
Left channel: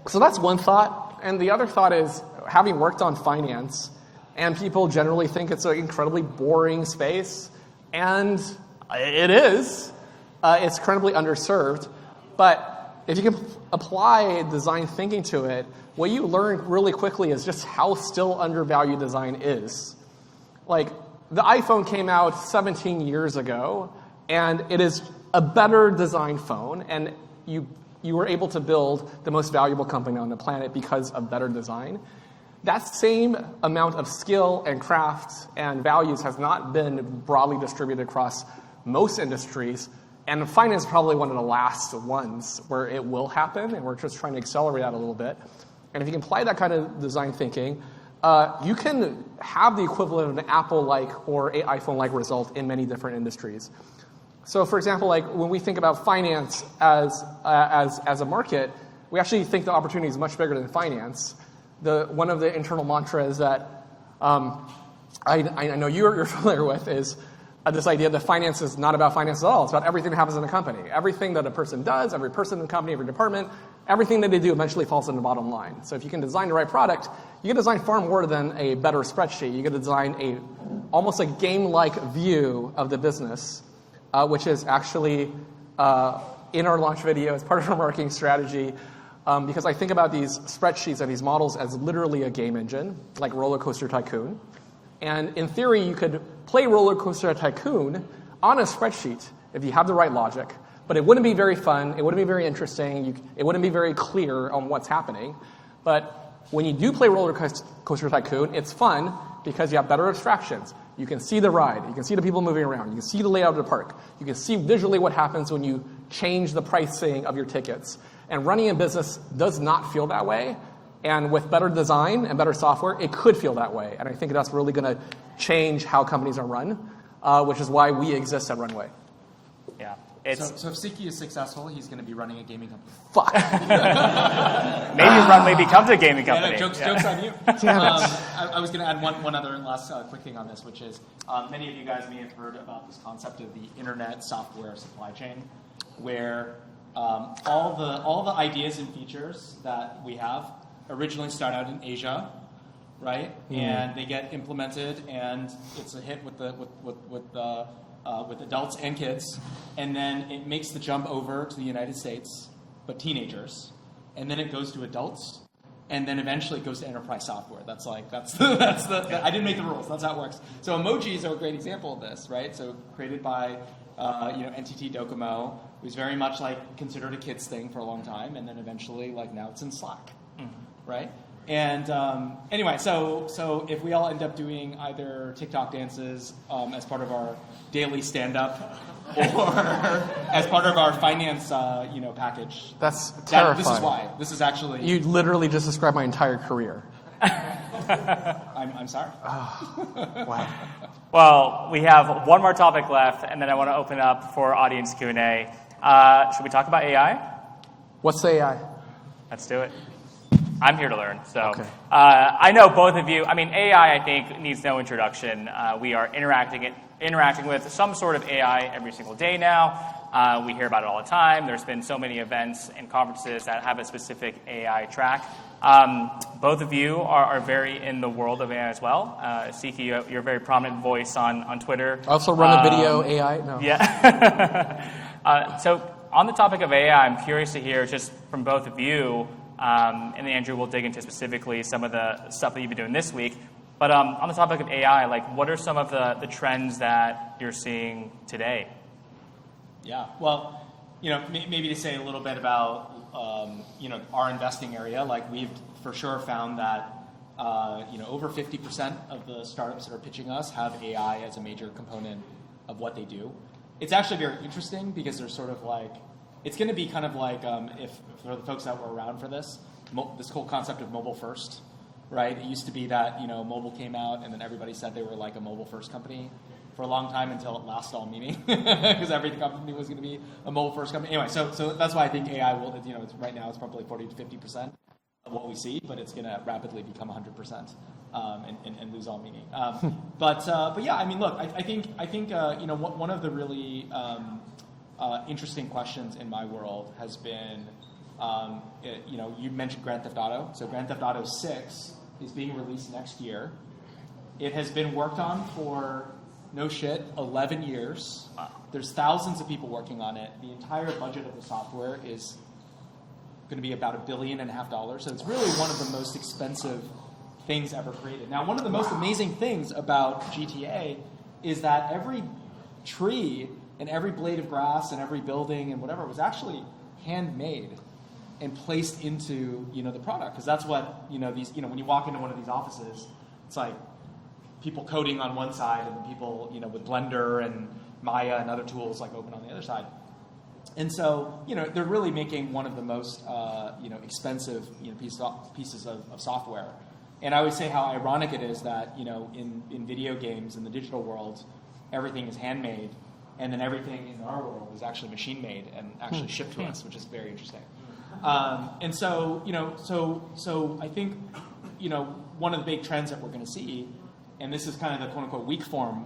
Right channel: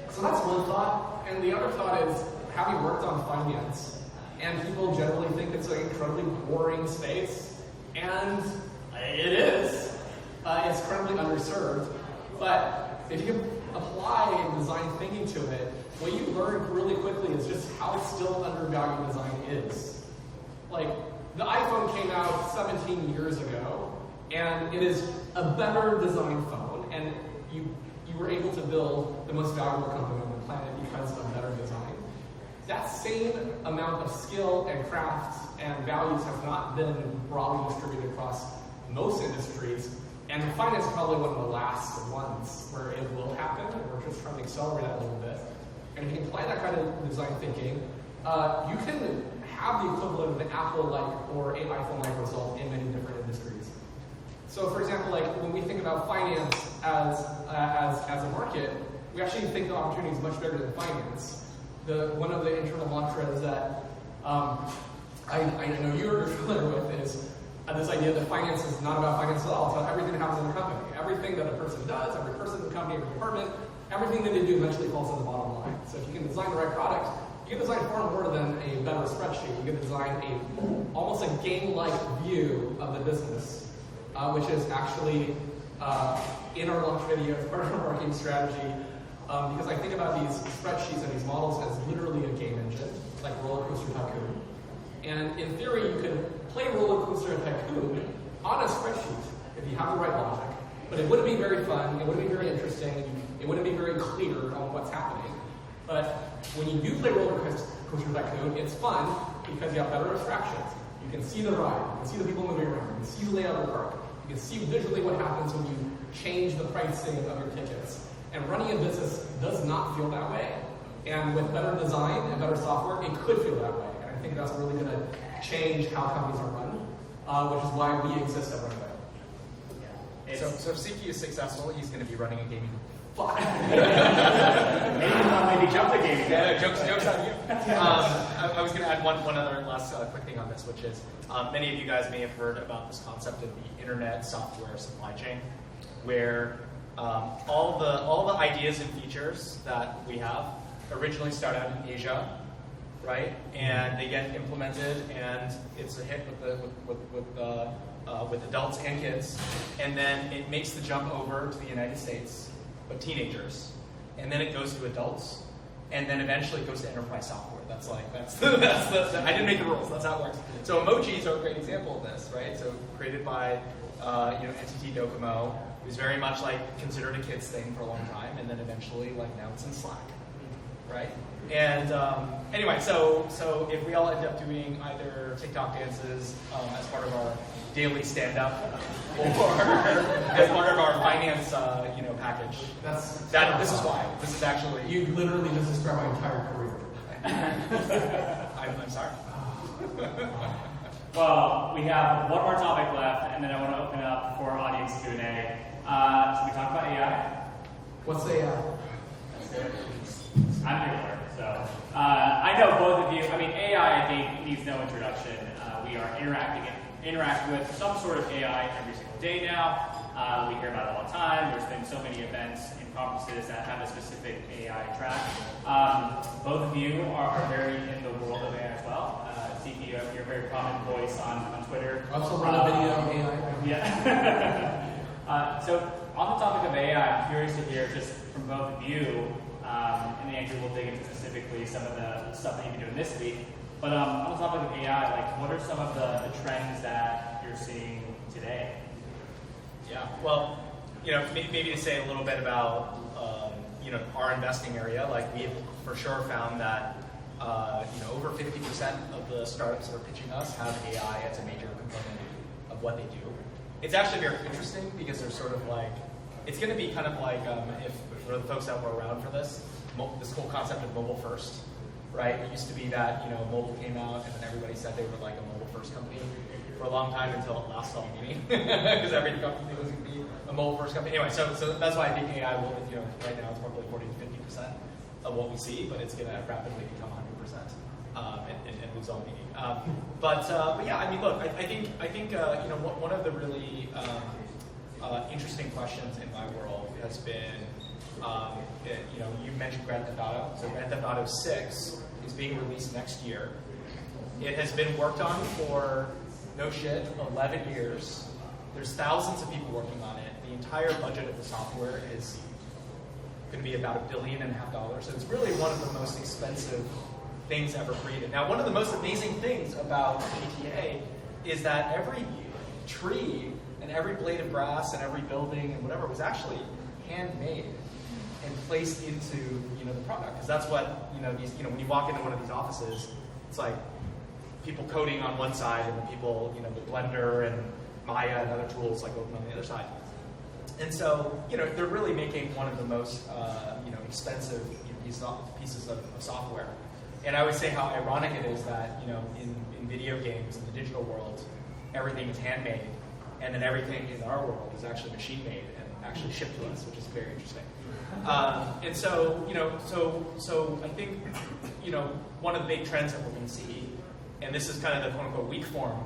So that's one thought. And the other thought is, having worked on finance, and people generally think it's an incredibly boring space, and it is. It's incredibly underserved. But if you can apply design thinking to it, what you learn really quickly is just how still undervalued design is. Like, the iPhone came out 17 years ago, and it is a better designed phone, and you were able to build the most valuable company on the planet because of better design. That same amount of skill and craft and values has not been broadly distributed across most industries, and finance is probably one of the last ones where it will happen, and we're just trying to accelerate that a little bit. And if you can apply that kind of design thinking, you can have the equivalent of an Apple-like or an iPhone-like result in many different industries. So for example, like when we think about finance as a market, we actually think the opportunity is much bigger than finance. One of the internal mantras that I know you're familiar with is this idea that finance is not about finance at all. It's about everything that happens in the company. Everything that a person does, every person in the company, every department, everything that they do eventually falls in the bottom line. So if you can design the right product, You can design far more than a better spreadsheet. You can design almost a game-like view of the business, which is actually in our launch video as part of our marketing strategy. Because I think about these spreadsheets and these models as literally a game engine, like Roller Coaster Tycoon. And in theory, you could play Roller Coaster Tycoon on a spreadsheet if you have the right logic. But it wouldn't be very fun, it wouldn't be very interesting, it wouldn't be very clear on what's happening. But when you do play Roller Coaster Tycoon, it's fun because you have better abstractions. You can see the ride, you can see the people moving around, you can see the layout of the park, you can see visually what happens when you change the pricing of your tickets. And running a business does not feel that way. And with better design and better software, it could feel that way. And I think that's really going to change how companies are run, which is why we exist at Runway. Yeah. So if Siqi is successful, he's going to be running a gaming company. Fuck. Maybe Runway becomes a gaming company. Yeah, jokes on you. I was going to add one other last quick thing on this, which is many of you guys may have heard about this concept of the internet software supply chain, where all the ideas and features that we have originally start out in Asia, right? Mm-hmm. And they get implemented, and it's a hit with adults and kids, and then it makes the jump over to the United States, but teenagers, and then it goes to adults, and then eventually it goes to enterprise software. That's the I didn't make the rules. That's how it works. So emojis are a great example of this, right? So created by NTT Docomo. It was very much like considered a kid's thing for a long time, and then eventually, like now it's in Slack, right? And anyway, so if we all end up doing either TikTok dances as part of our daily stand-up, or as part of our finance, package, That's terrifying. This is why. This is actually. You literally just described my entire career. I'm sorry. Wow. Well, we have one more topic left, and then I want to open up for audience Q&A. Should we talk about AI? What's AI? Let's do it. I'm here to learn. So okay. I know both of you. I mean, AI, I think, needs no introduction. We are interacting with some sort of AI every single day now. We hear about it all the time. There's been so many events and conferences that have a specific AI track. Both of you are very in the world of AI as well. Siqi, you're a very prominent voice on Twitter. I also run a video AI. No. Yeah. So on the topic of AI, I'm curious to hear just from both of you, and then Andrew will dig into specifically some of the stuff that you've been doing this week. But on the topic of AI, like what are some of the trends that you're seeing today? Yeah, well, maybe to say a little bit about, our investing area. Like we've for sure found that, over 50% of the startups that are pitching us have AI as a major component of what they do. It's actually very interesting because they're sort of like, it's going to be kind of like, if for the folks that were around for this whole concept of mobile first, right? It used to be that, mobile came out and then everybody said they were like a mobile first company for a long time until it last all meeting because every company was going to be a mobile first company. Anyway, so that's why I think AI will, right now it's probably 40 to 50% of what we see, but it's going to rapidly become 100% and lose all meaning. But yeah, I mean, look, I think one of the really interesting questions in my world has been, you mentioned Grand Theft Auto. So Grand Theft Auto 6 is being released next year. It has been worked on for, no shit, 11 years. There's thousands of people working on it. The entire budget of the software is going to be about $1.5 billion. So it's really one of the most expensive things ever created. Now, one of the most amazing things about GTA is that every tree and every blade of grass and every building and whatever was actually handmade and placed into the product, because that's what these when you walk into one of these offices, it's like people coding on one side and then people with Blender and Maya and other tools like open on the other side. And so they're really making one of the most expensive pieces of software. And I would say how ironic it is that in video games in the digital world, everything is handmade, and then everything in our world is actually machine made and actually shipped to us, which is very interesting. And so so I think one of the big trends that we're going to see, and this is kind of the quote unquote weak form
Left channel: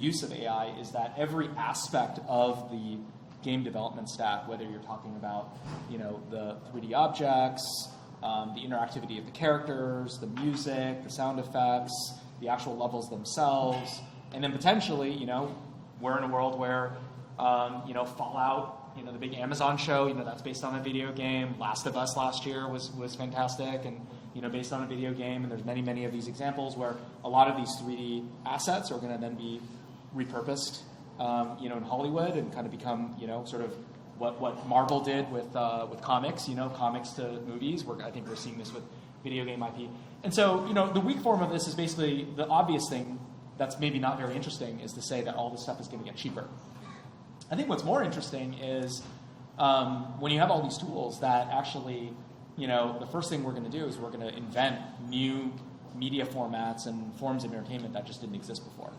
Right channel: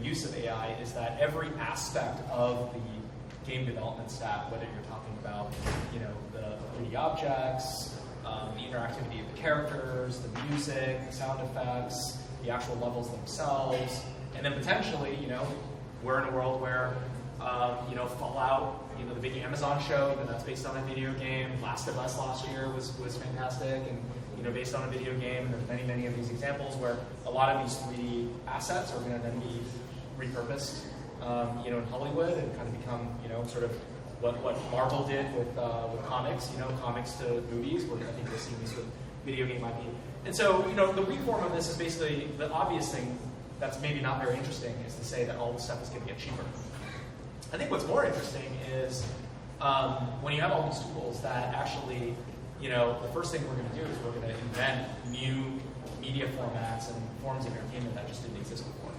use of AI, is that every aspect of the game development stack, whether you're talking about the 3D objects, the interactivity of the characters, the music, the sound effects, the actual levels themselves, and then potentially, we're in a world where, Fallout, the big Amazon show, that's based on a video game. Last of Us last year was fantastic, and based on a video game. There's many of these examples where a lot of these 3D assets are going to then be repurposed, in Hollywood and kind of become, sort of what Marvel did with comics, comics to movies. Where I think we're seeing this with video game IP. And so, the weak form of this is basically the obvious thing that's maybe not very interesting is to say that all this stuff is going to get cheaper. I think what's more interesting is when you have all these tools that actually, the first thing we're going to do is we're going to invent new media formats and forms of entertainment that just didn't exist before.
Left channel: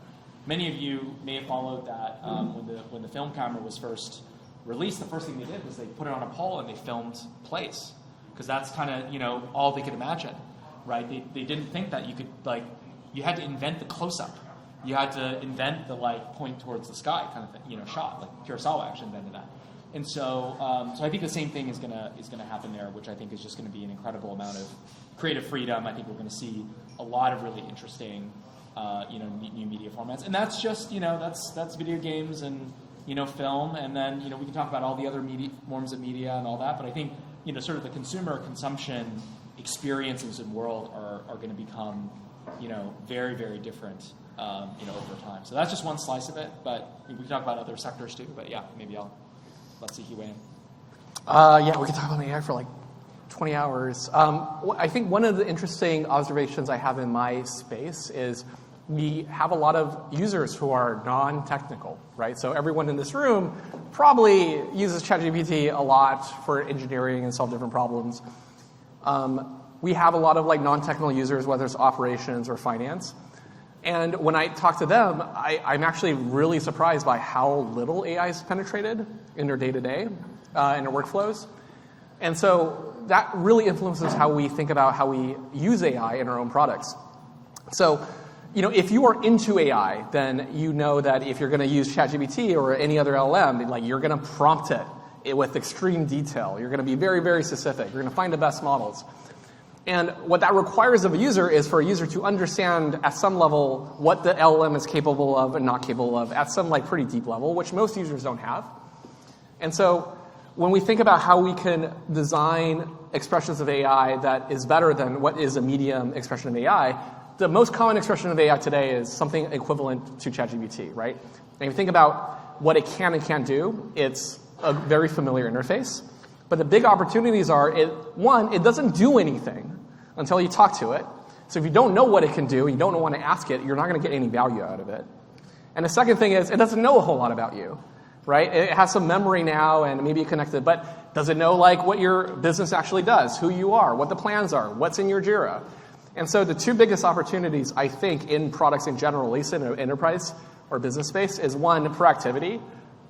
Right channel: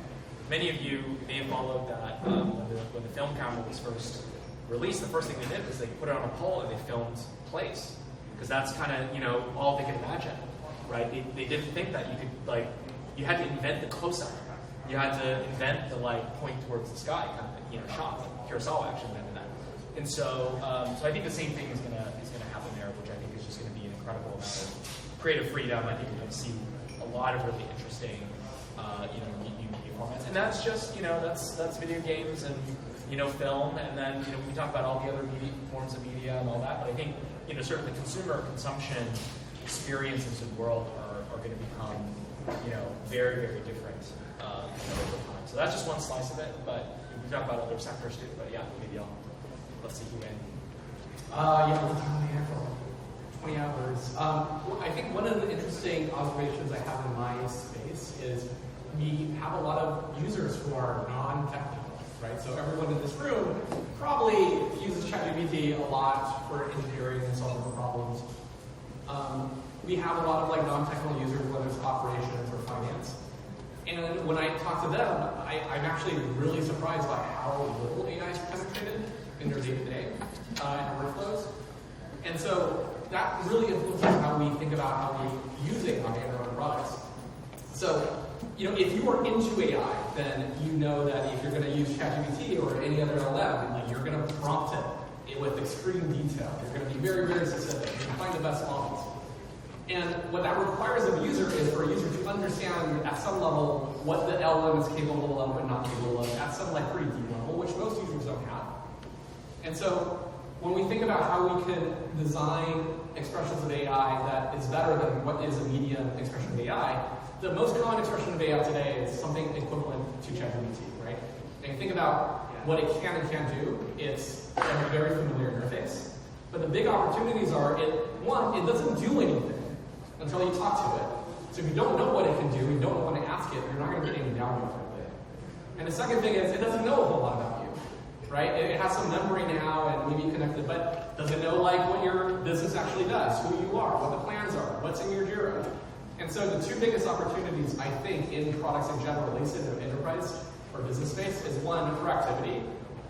Many of you may have followed that when the film camera was first released. The first thing they did was they put it on a pole and they filmed plays, because that's kind of all they could imagine, right? They didn't think that you could you had to invent the close-up. You had to invent the point towards the sky kind of shot. Like Kurosawa actually invented that. And so, I think the same thing is gonna happen there, which I think is just going to be an incredible amount of creative freedom. I think we're going to see a lot of really interesting, new media formats, and that's just that's video games and film, and then we can talk about all the other forms of media and all that. But I think sort of the consumer consumption experiences in the world are going to become very different over time. So that's just one slice of it, but we can talk about other sectors too. But yeah, maybe I'll let Siqi weigh in. Yeah, we can talk about AI for 20 hours. I think one of the interesting observations I have in my space is we have a lot of users who are non-technical, right? So everyone in this room probably uses ChatGPT a lot for engineering and solve different problems. We have a lot of non-technical users, whether it's operations or finance. And when I talk to them, I'm actually really surprised by how little AI is penetrated in their day-to-day, in their workflows. And so that really influences how we think about how we use AI in our own products. So, if you are into AI, then you know that if you're going to use ChatGPT or any other LLM, you're going to prompt it with extreme detail. You're going to be very specific. You're going to find the best models. And what that requires of a user is for a user to understand at some level what the LLM is capable of and not capable of at some pretty deep level, which most users don't have. And so when we think about how we can design expressions of AI that is better than what is a medium expression of AI, the most common expression of AI today is something equivalent to ChatGPT, right? And if you think about what it can and can't do, it's a very familiar interface. But the big opportunities are, it doesn't do anything until you talk to it. So if you don't know what it can do, you don't want to ask it, you're not going to get any value out of it. And the second thing is, it doesn't know a whole lot about you, right? It has some memory now and maybe connected, but does it know what your business actually does, who you are, what the plans are, what's in your Jira? And so the two biggest opportunities, I think, in products in general, at least in an enterprise or business space, is one, proactivity.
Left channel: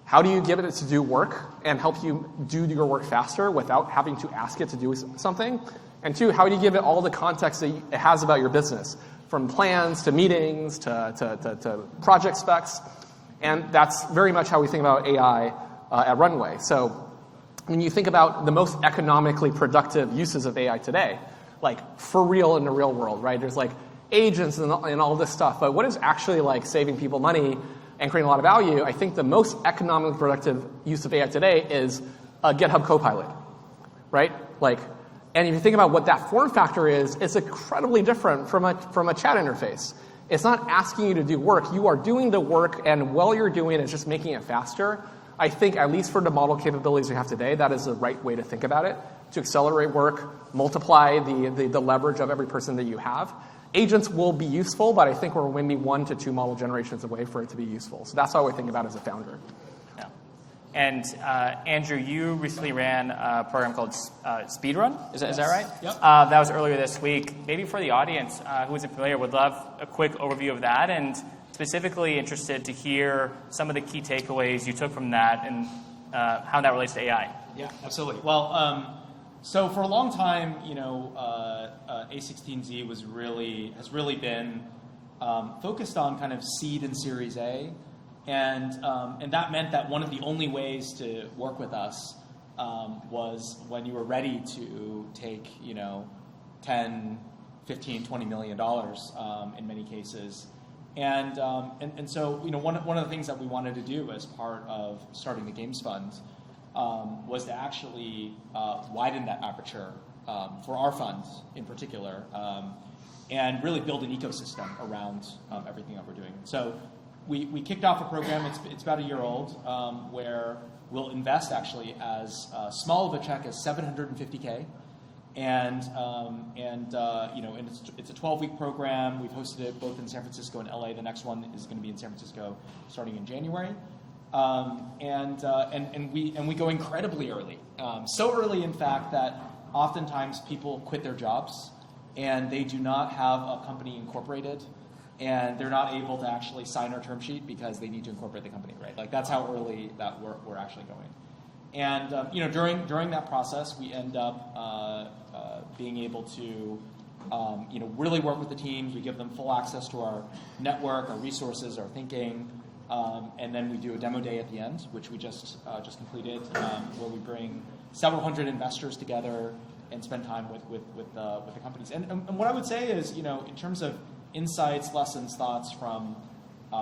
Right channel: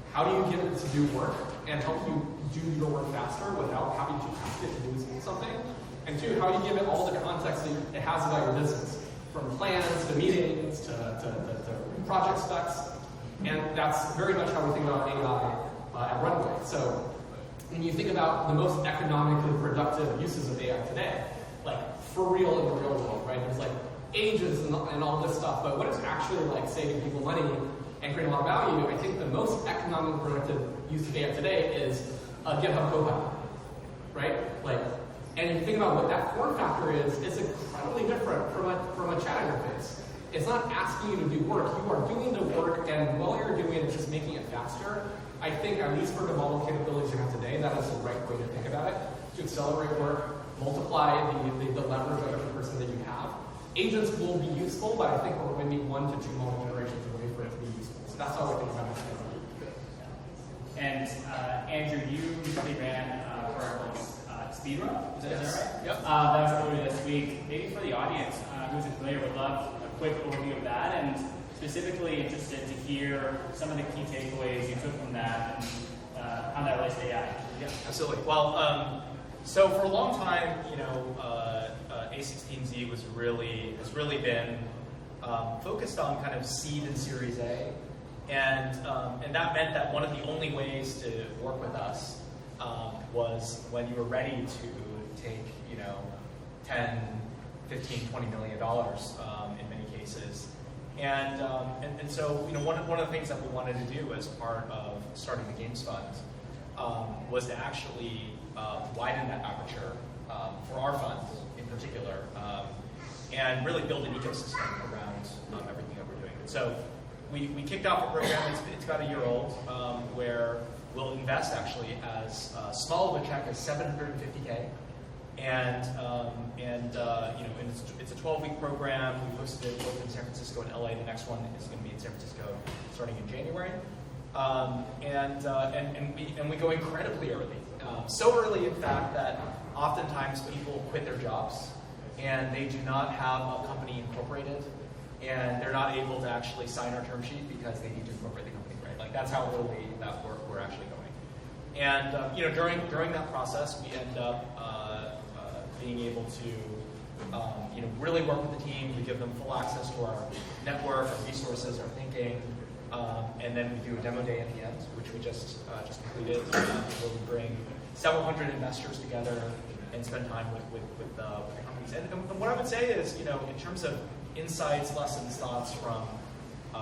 How do you give it to do work and help you do your work faster without having to ask it to do something? And two, how do you give it all the context that it has about your business, from plans to meetings to project specs? And that's very much how we think about AI at Runway. So when you think about the most economically productive uses of AI today, for real in the real world, right? There's agents and all this stuff, but what is actually saving people money and creating a lot of value? I think the most economically productive use of AI today is a GitHub Copilot, right? And if you think about what that form factor is, it's incredibly different from a chat interface. It's not asking you to do work. You are doing the work, and while you're doing it, it's just making it faster. I think, at least for the model capabilities we have today, that is the right way to think about it, to accelerate work, multiply the leverage of every person that you have. Agents will be useful, but I think we're maybe 1 to 2 model generations away for it to be useful. So that's how I think about it as a founder. Yeah. And Andrew, you recently ran a program called Speedrun. Is that right? Yep. That was earlier this week. Maybe for the audience who isn't familiar, would love a quick overview of that, and specifically interested to hear some of the key takeaways you took from that and how that relates to AI. Yeah, absolutely. Well, so for a long time, A16Z has really been focused on kind of seed and Series A, and that meant that one of the only ways to work with us was when you were ready to take, 10, 15, $20 million in many cases. And so, one of the things that we wanted to do as part of starting the Games Fund was to actually widen that aperture for our funds in particular, and really build an ecosystem around everything that we're doing. So we kicked off a program, it's about a year old, where we'll invest actually as small of a check as $750K. And it's a 12-week program. We've hosted it both in San Francisco and LA. The next one is going to be in San Francisco starting in January. And we go incredibly early. So early, in fact, that oftentimes people quit their jobs and they do not have a company incorporated, and they're not able to actually sign our term sheet because they need to incorporate the company, right? Like that's how early that we're actually going. And during that process, we end up being able to really work with the team. We give them full access to our network, our resources, our thinking, and then we do a demo day at the end, which we just completed, where we bring several hundred investors together and spend time with the companies. And what I would say is, in terms of insights, lessons, thoughts from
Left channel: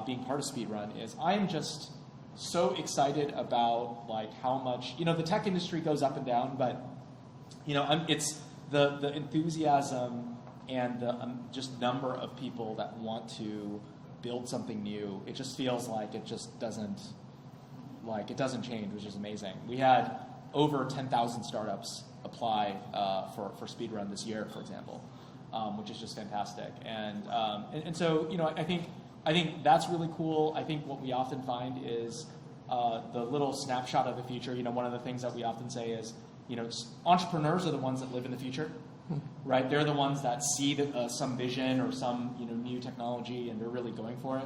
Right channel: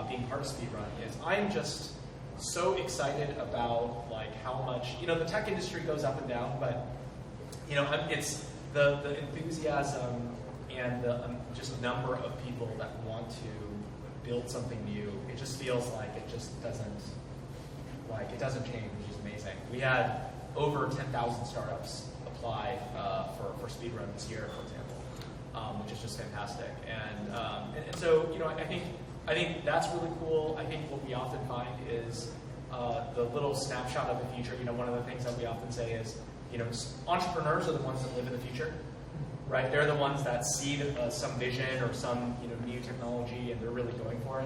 being part of Speedrun, is I'm just so excited about like how much the tech industry goes up and down, but it's the enthusiasm and the just number of people that want to build something new. It just feels like it just doesn't change, which is amazing. We had over 10,000 startups apply for Speedrun this year, for example, which is just fantastic. And so I think that's really cool. I think what we often find is the little snapshot of the future. One of the things that we often say is, entrepreneurs are the ones that live in the future, right? They're the ones that see some vision or some new technology, and they're really going for it.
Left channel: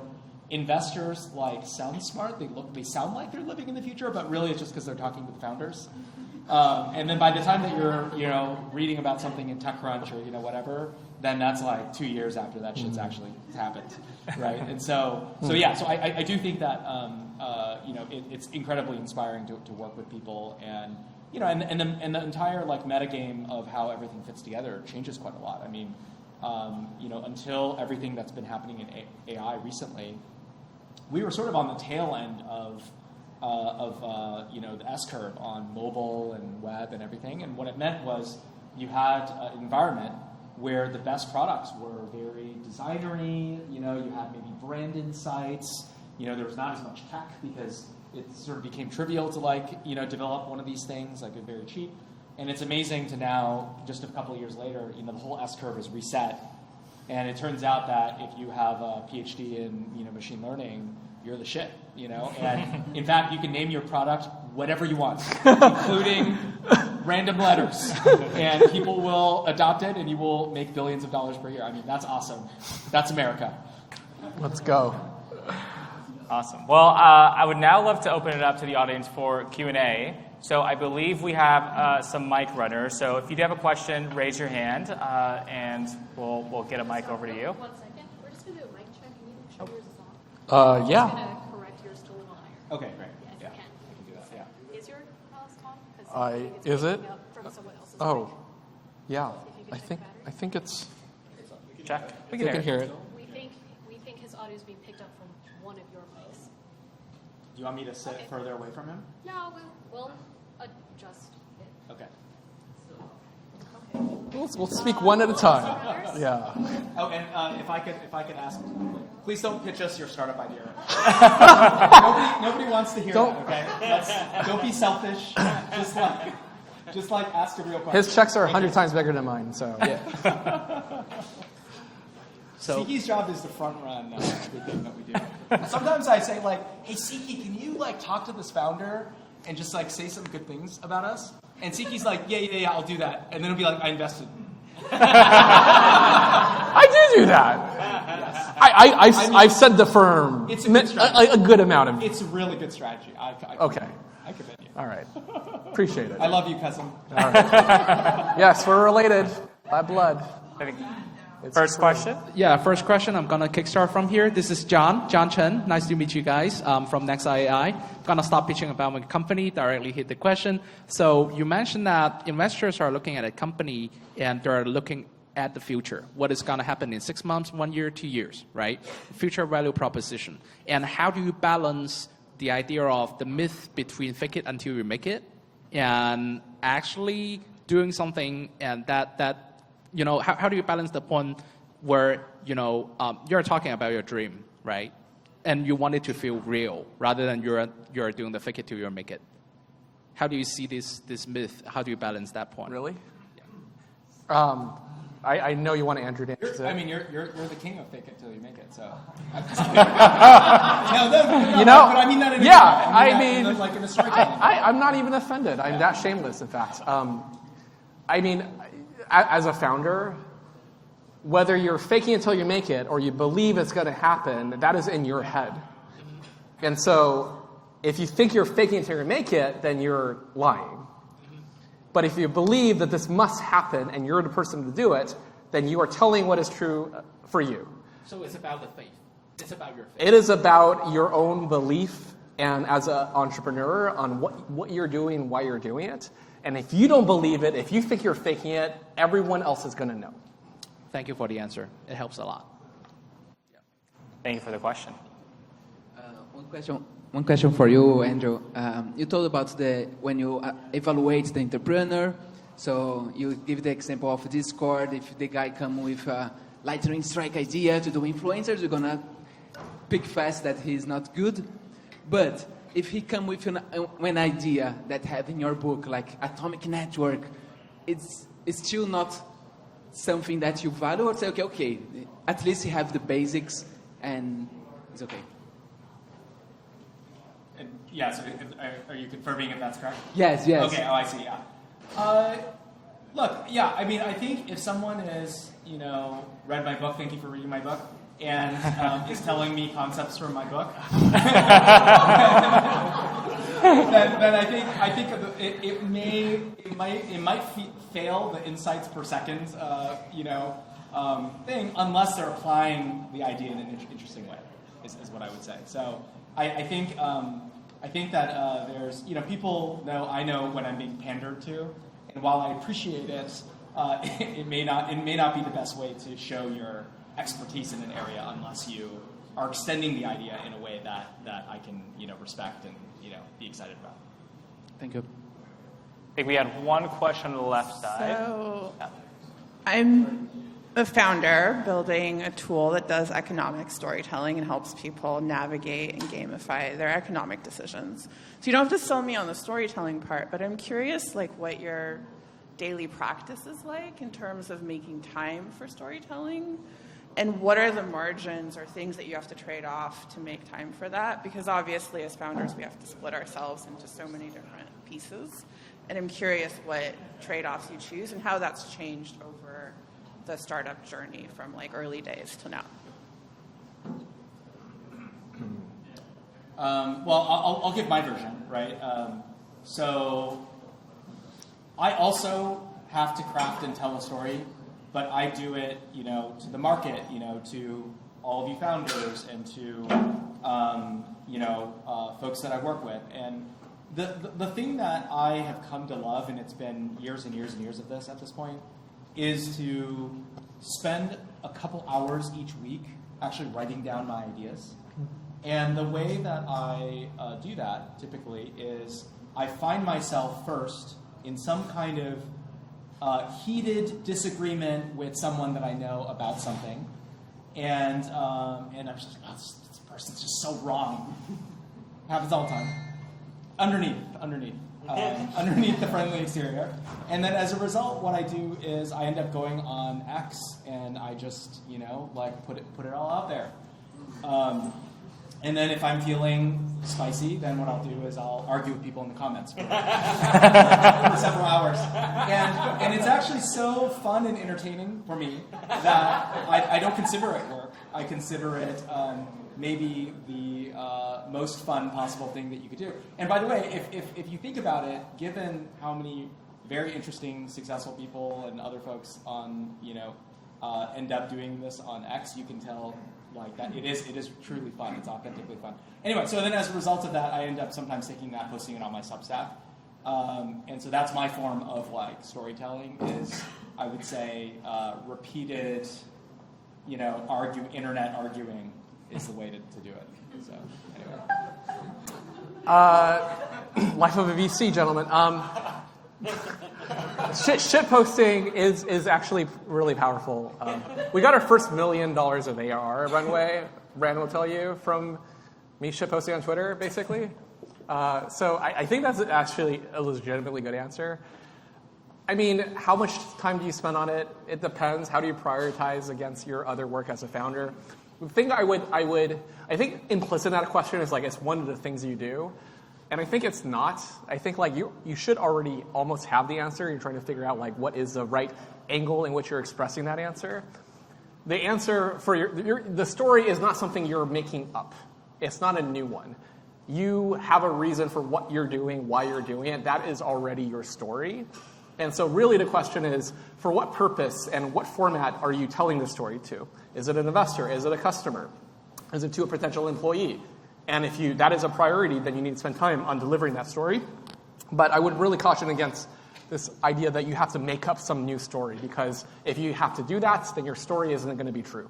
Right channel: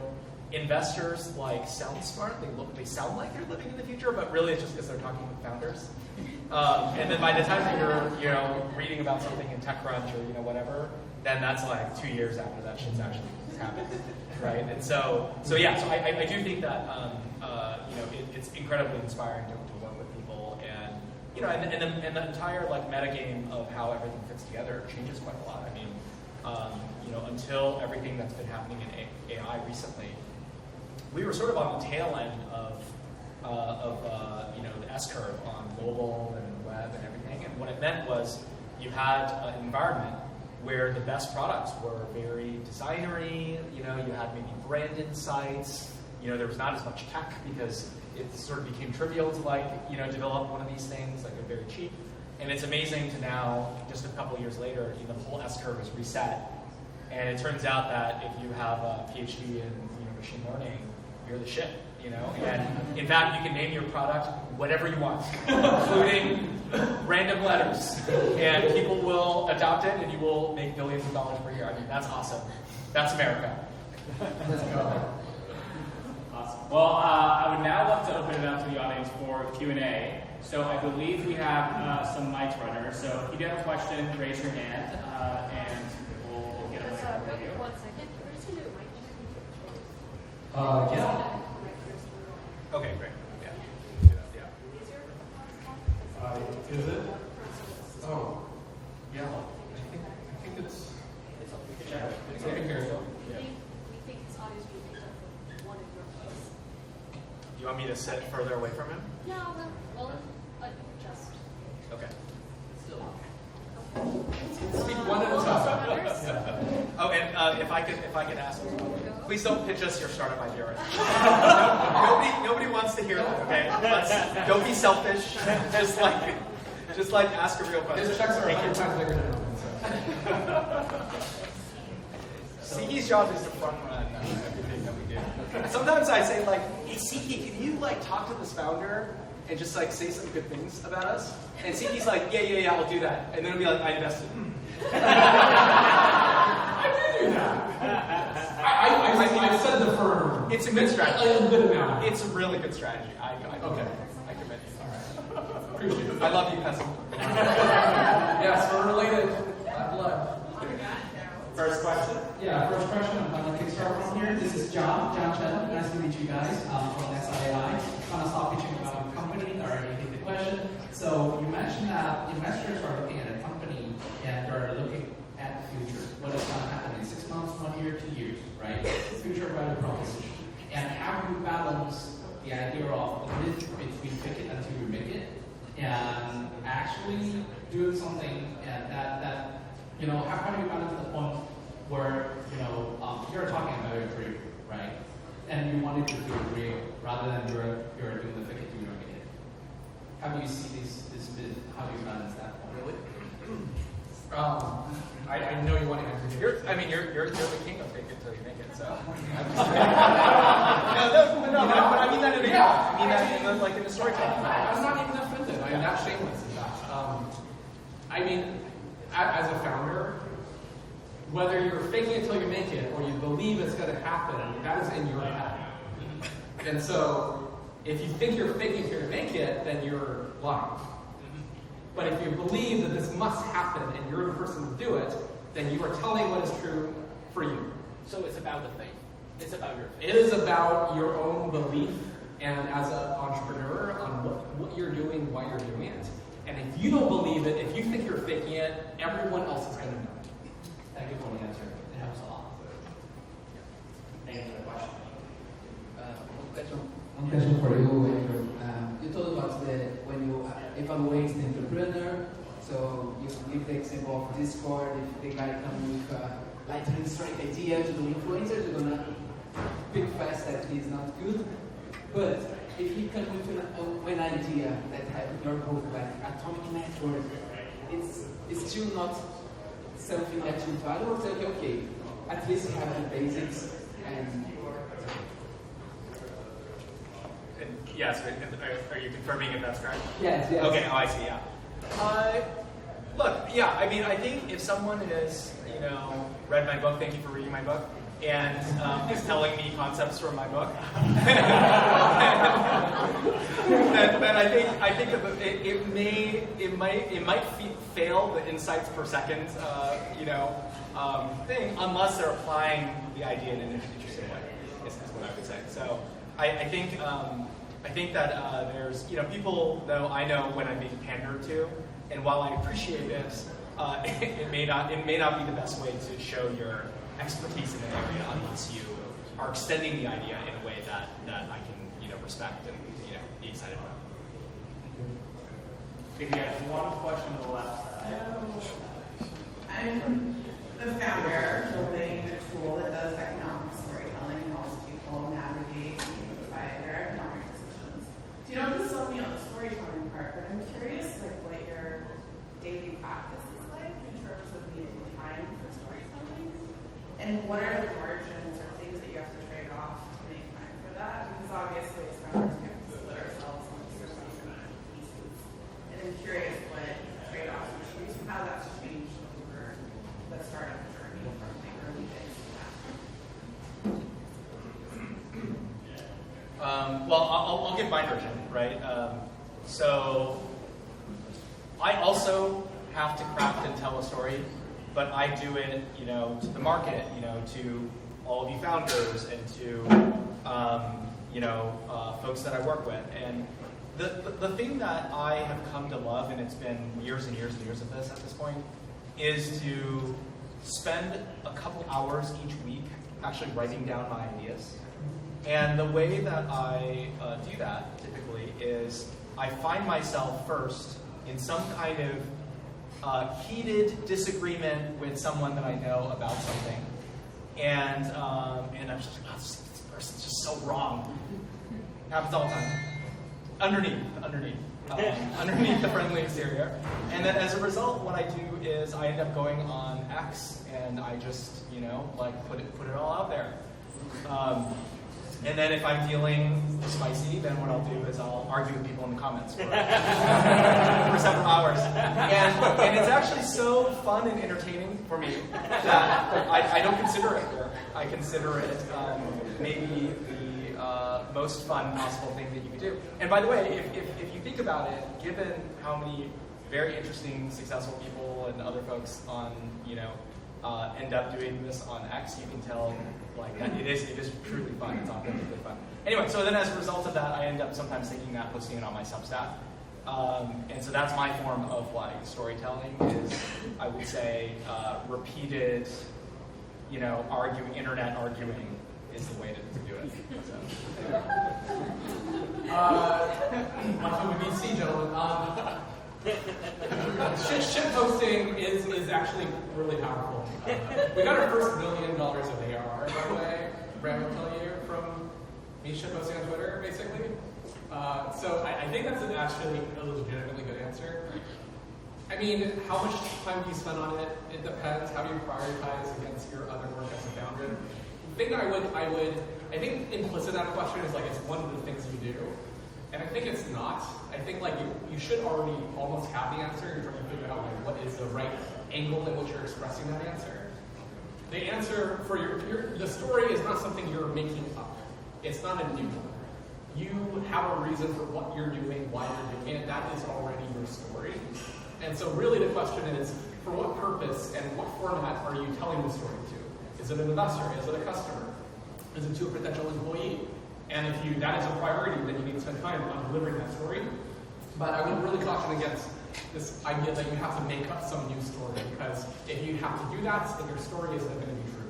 Investors sound smart. They sound like they're living in the future, but really it's just because they're talking with founders. And then by the time that you're reading about something in TechCrunch or whatever, then that's like 2 years after that shit's actually happened, right? And so I do think that it's incredibly inspiring to work with people, and and the entire metagame of how everything fits together changes quite a lot. I mean, until everything that's been happening in AI recently, we were sort of on the tail end of the S-curve on mobile and web and everything. And what it meant was you had an environment where the best products were very designery. You had maybe brand insights. There was not as much tech because it sort of became trivial to develop one of these things, they're very cheap. And it's amazing to now, just a couple of years later, the whole S-curve is reset. And it turns out that if you have a PhD in machine learning, you're the shit. And in fact, you can name your product whatever you want, including random letters, and people will adopt it, and you will make billions of dollars per year. I mean, that's awesome. That's America. Let's go. Awesome. Well, I would now love to open it up to the audience for Q&A. So I believe we have some mic runners. So if you do have a question, raise your hand, and we'll get a mic over to you. 1 second. We're just going to do a mic check. Yeah. Okay, great. Yeah. Is your Is it? Oh, yeah. I think it's. Check. We can hear it. you think his audio is being picked up from one of your posts? You want me to sit further away from him? No, we'll adjust. Okay. We'll speak one at a time. Yeah. Oh, and if I could ask, please don't pitch us your startup idea right now. nobody wants to hear that. Okay, don't be selfish. Just ask a real question. His checks are 100 times bigger than mine, so yeah. Siqi's job is to front run everything that we do. Sometimes I say hey Siqi, can you talk to this founder and just say some good things about us? And Siqi's yeah, I'll do that. And then it'll be I invested. I do that. I've said the firm It's a good strategy. a good amount of it. It's a really good strategy. Okay. I commend you. All right. Appreciate it. I love you, cousin. All right. Yes, we're related by blood. First question? Yeah, first question. I'm gonna kickstart from here. This is John Chen. Nice to meet you guys from NextIAI. Gonna stop pitching about my company. Directly hit the question. So you mentioned that investors are looking at a company and they're looking at the future. What is gonna happen in 6 months, 1 year, 2 years, right? Future value proposition. And how do you balance the idea of the myth between fake it until you make it and actually doing something and that you know, how do you balance the point where, you know, you're talking about your dream, right? And you want it to feel real rather than you're doing the fake it till you make it. How do you see this myth? How do you balance that point? Really? I know you want Andrew to You're the king of fake it till you make it, so. You know, but I mean that in yeah, I mean like in a storytelling. I'm not even offended. I'm that shameless at that. I mean, as a founder, whether you're faking it till you make it or you believe it's going to happen, that is in your head. And so if you think you're faking it till you make it, then you're lying. But if you believe that this must happen and you're the person to do it, then you are telling what is true for you. So it's about the faith. It's about your faith. It is about your own belief and as an entrepreneur on what you're doing, why you're doing it. And if you don't believe it, if you think you're faking it, everyone else is going to know. Thank you for the answer. It helps a lot. Thank you for the question. One question for you, Andrew. You told about when you evaluate the entrepreneur. So you give the example of Discord. If the guy come with a lightning strike idea to do influencers, you're gonna pick fast that he's not good. But if he come with an idea that have in your book, like Atomic Network, it's still not something that you value, or say, okay, at least you have the basics and it's okay. Yes, are you confirming if that's correct? Yes. Okay, I see, yeah. Look, yeah, I mean, I think if someone is, you know, read my book, thank you for reading my book, and is telling me concepts from my book, then I think that it might fail the insights per second, thing, unless they're applying the idea in an interesting way, is what I would say. So I think that there's, people know I know when I'm being pandered to, and while I appreciate it, it may not be the best way to show your expertise in an area unless you are extending the idea in a way that I can respect and be excited about. Thank you. I think we have one question on the left side. So, I'm a founder building a tool that does economic storytelling and helps people navigate and gamify their economic decisions. So you don't have to sell me on the storytelling part, but I'm curious what your daily practice is like in terms of making time for storytelling, and what are the margins or things that you have to trade off to make time for that? Because obviously as founders we have to split ourselves into so many different pieces, and I'm curious what trade-offs you choose and how that's changed over the startup journey from early days to now. Well, I'll give my version, right? So I also have to craft and tell a story, but I do it, to the market, to all of you founders and to, folks that I work with. And the thing that I have come to love, and it's been years and years and years of this at this point, is to spend a couple hours each week actually writing down my ideas. And the way that I do that typically is I find myself first in some kind of heated disagreement with someone that I know about something, and I'm just like, wow, this person's just so wrong. Happens all the time. Underneath the friendly exterior. And then as a result, what I do is I end up going on X and I just, put it all out there. And then if I'm feeling spicy, then what I'll do is I'll argue with people in the comments for several hours. And it's actually so fun and entertaining for me that I don't consider it work. I consider it maybe the most fun possible thing that you could do. And by the way, if you think about it, given how many very interesting, successful people and other folks on end up doing this on X, you can tell like that it is truly fun. It's authentically fun. Anyway, so then as a result of that, I end up sometimes taking that, posting it on my Substack. And so that's my form of like storytelling is, I would say, repeated, internet arguing is the way to do it. So. Life of a VC, gentlemen. Shit posting is actually really powerful. We got our first $1 million of ARR at Runway. Brandon will tell you, from me shit posting on Twitter, basically. So I think that's actually a legitimately good answer. I mean, how much time do you spend on it? It depends. How do you prioritize against your other work as a founder? The thing I think implicit in that question is like it's one of the things you do. And I think it's not. I think like you should already almost have the answer. You're trying to figure out like what is the right angle in which you're expressing that answer. The answer for the story is not something you're making up. It's not a new one. You have a reason for what you're doing, why you're doing it. That is already your story. And so really the question is, for what purpose and what format are you telling the story to? Is it an investor? Is it a customer? Is it to a potential employee? And if that is a priority, then you need to spend time on delivering that story. But I would really caution against this idea that you have to make up some new story, because if you have to do that, then your story isn't going to be true.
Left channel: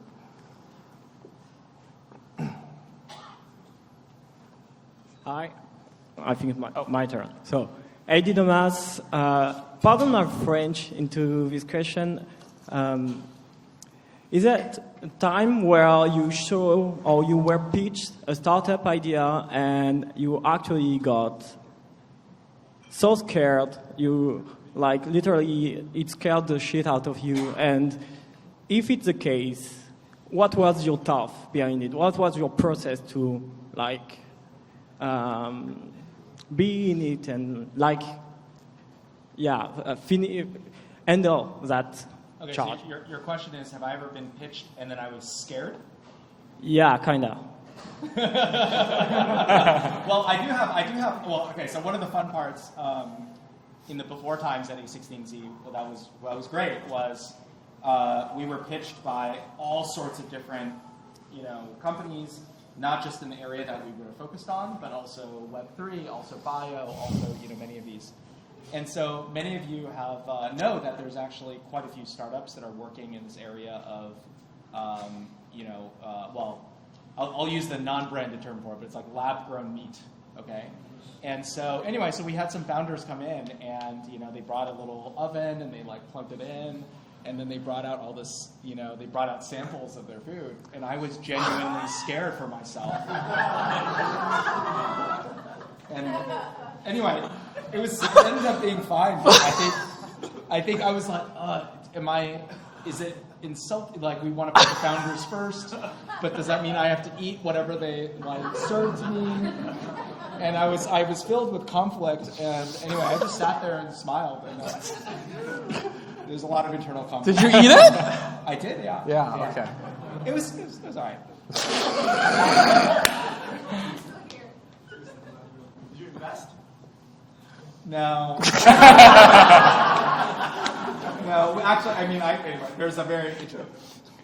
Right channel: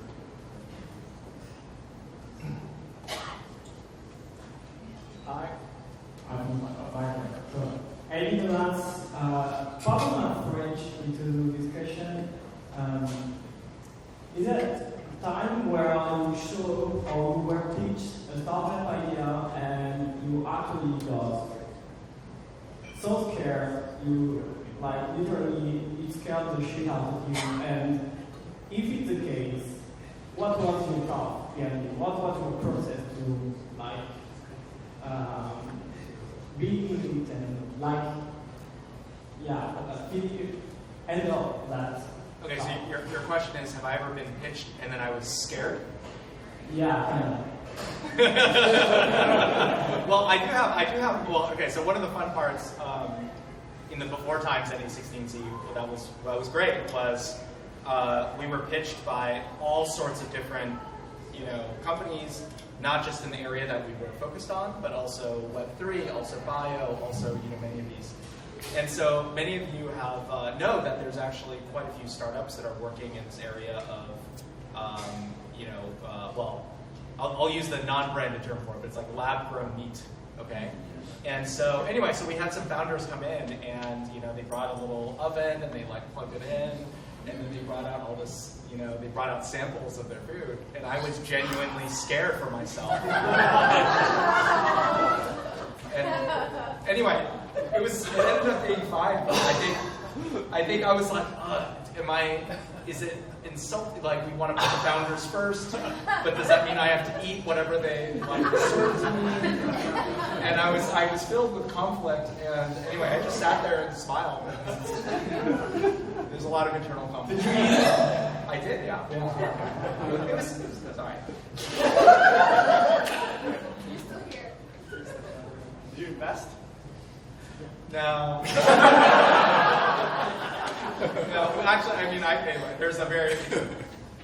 Hi, I think it's my turn. So, I did a math. Pardon my French into this question. Is that a time where you show or you were pitched a startup idea and you actually got so scared, you like literally it scared the shit out of you? And if it's the case, what was your thought behind it? What was your process to like be in it and like handle that? Okay, so your question is, have I ever been pitched and then I was scared? Yeah, kind of. Well, I do have. Well, okay. So one of the fun parts in the before times at A16Z, that was great. Was we were pitched by all sorts of different, companies, not just in the area that we were focused on, but also Web3, also bio, also many of these. And so many of you have know that there's actually quite a few startups that are working in this area of, I'll use the non-branded term for it, but it's like lab-grown meat, okay? And so anyway, so we had some founders come in, and they brought a little oven, and they like plugged it in, and then they brought out all this, they brought out samples of their food, and I was genuinely scared for myself. And anyway, it ended up being fine. But I think I was like, is it insulting? Like, we want to put the founders first, but does that mean I have to eat whatever they serve to me? And I was filled with conflict, and anyway, I just sat there and smiled. And, there's a lot of internal conflict. Did you eat it? I did, yeah. Yeah, okay. It was all right. Did you invest? No. No, actually, there's a very.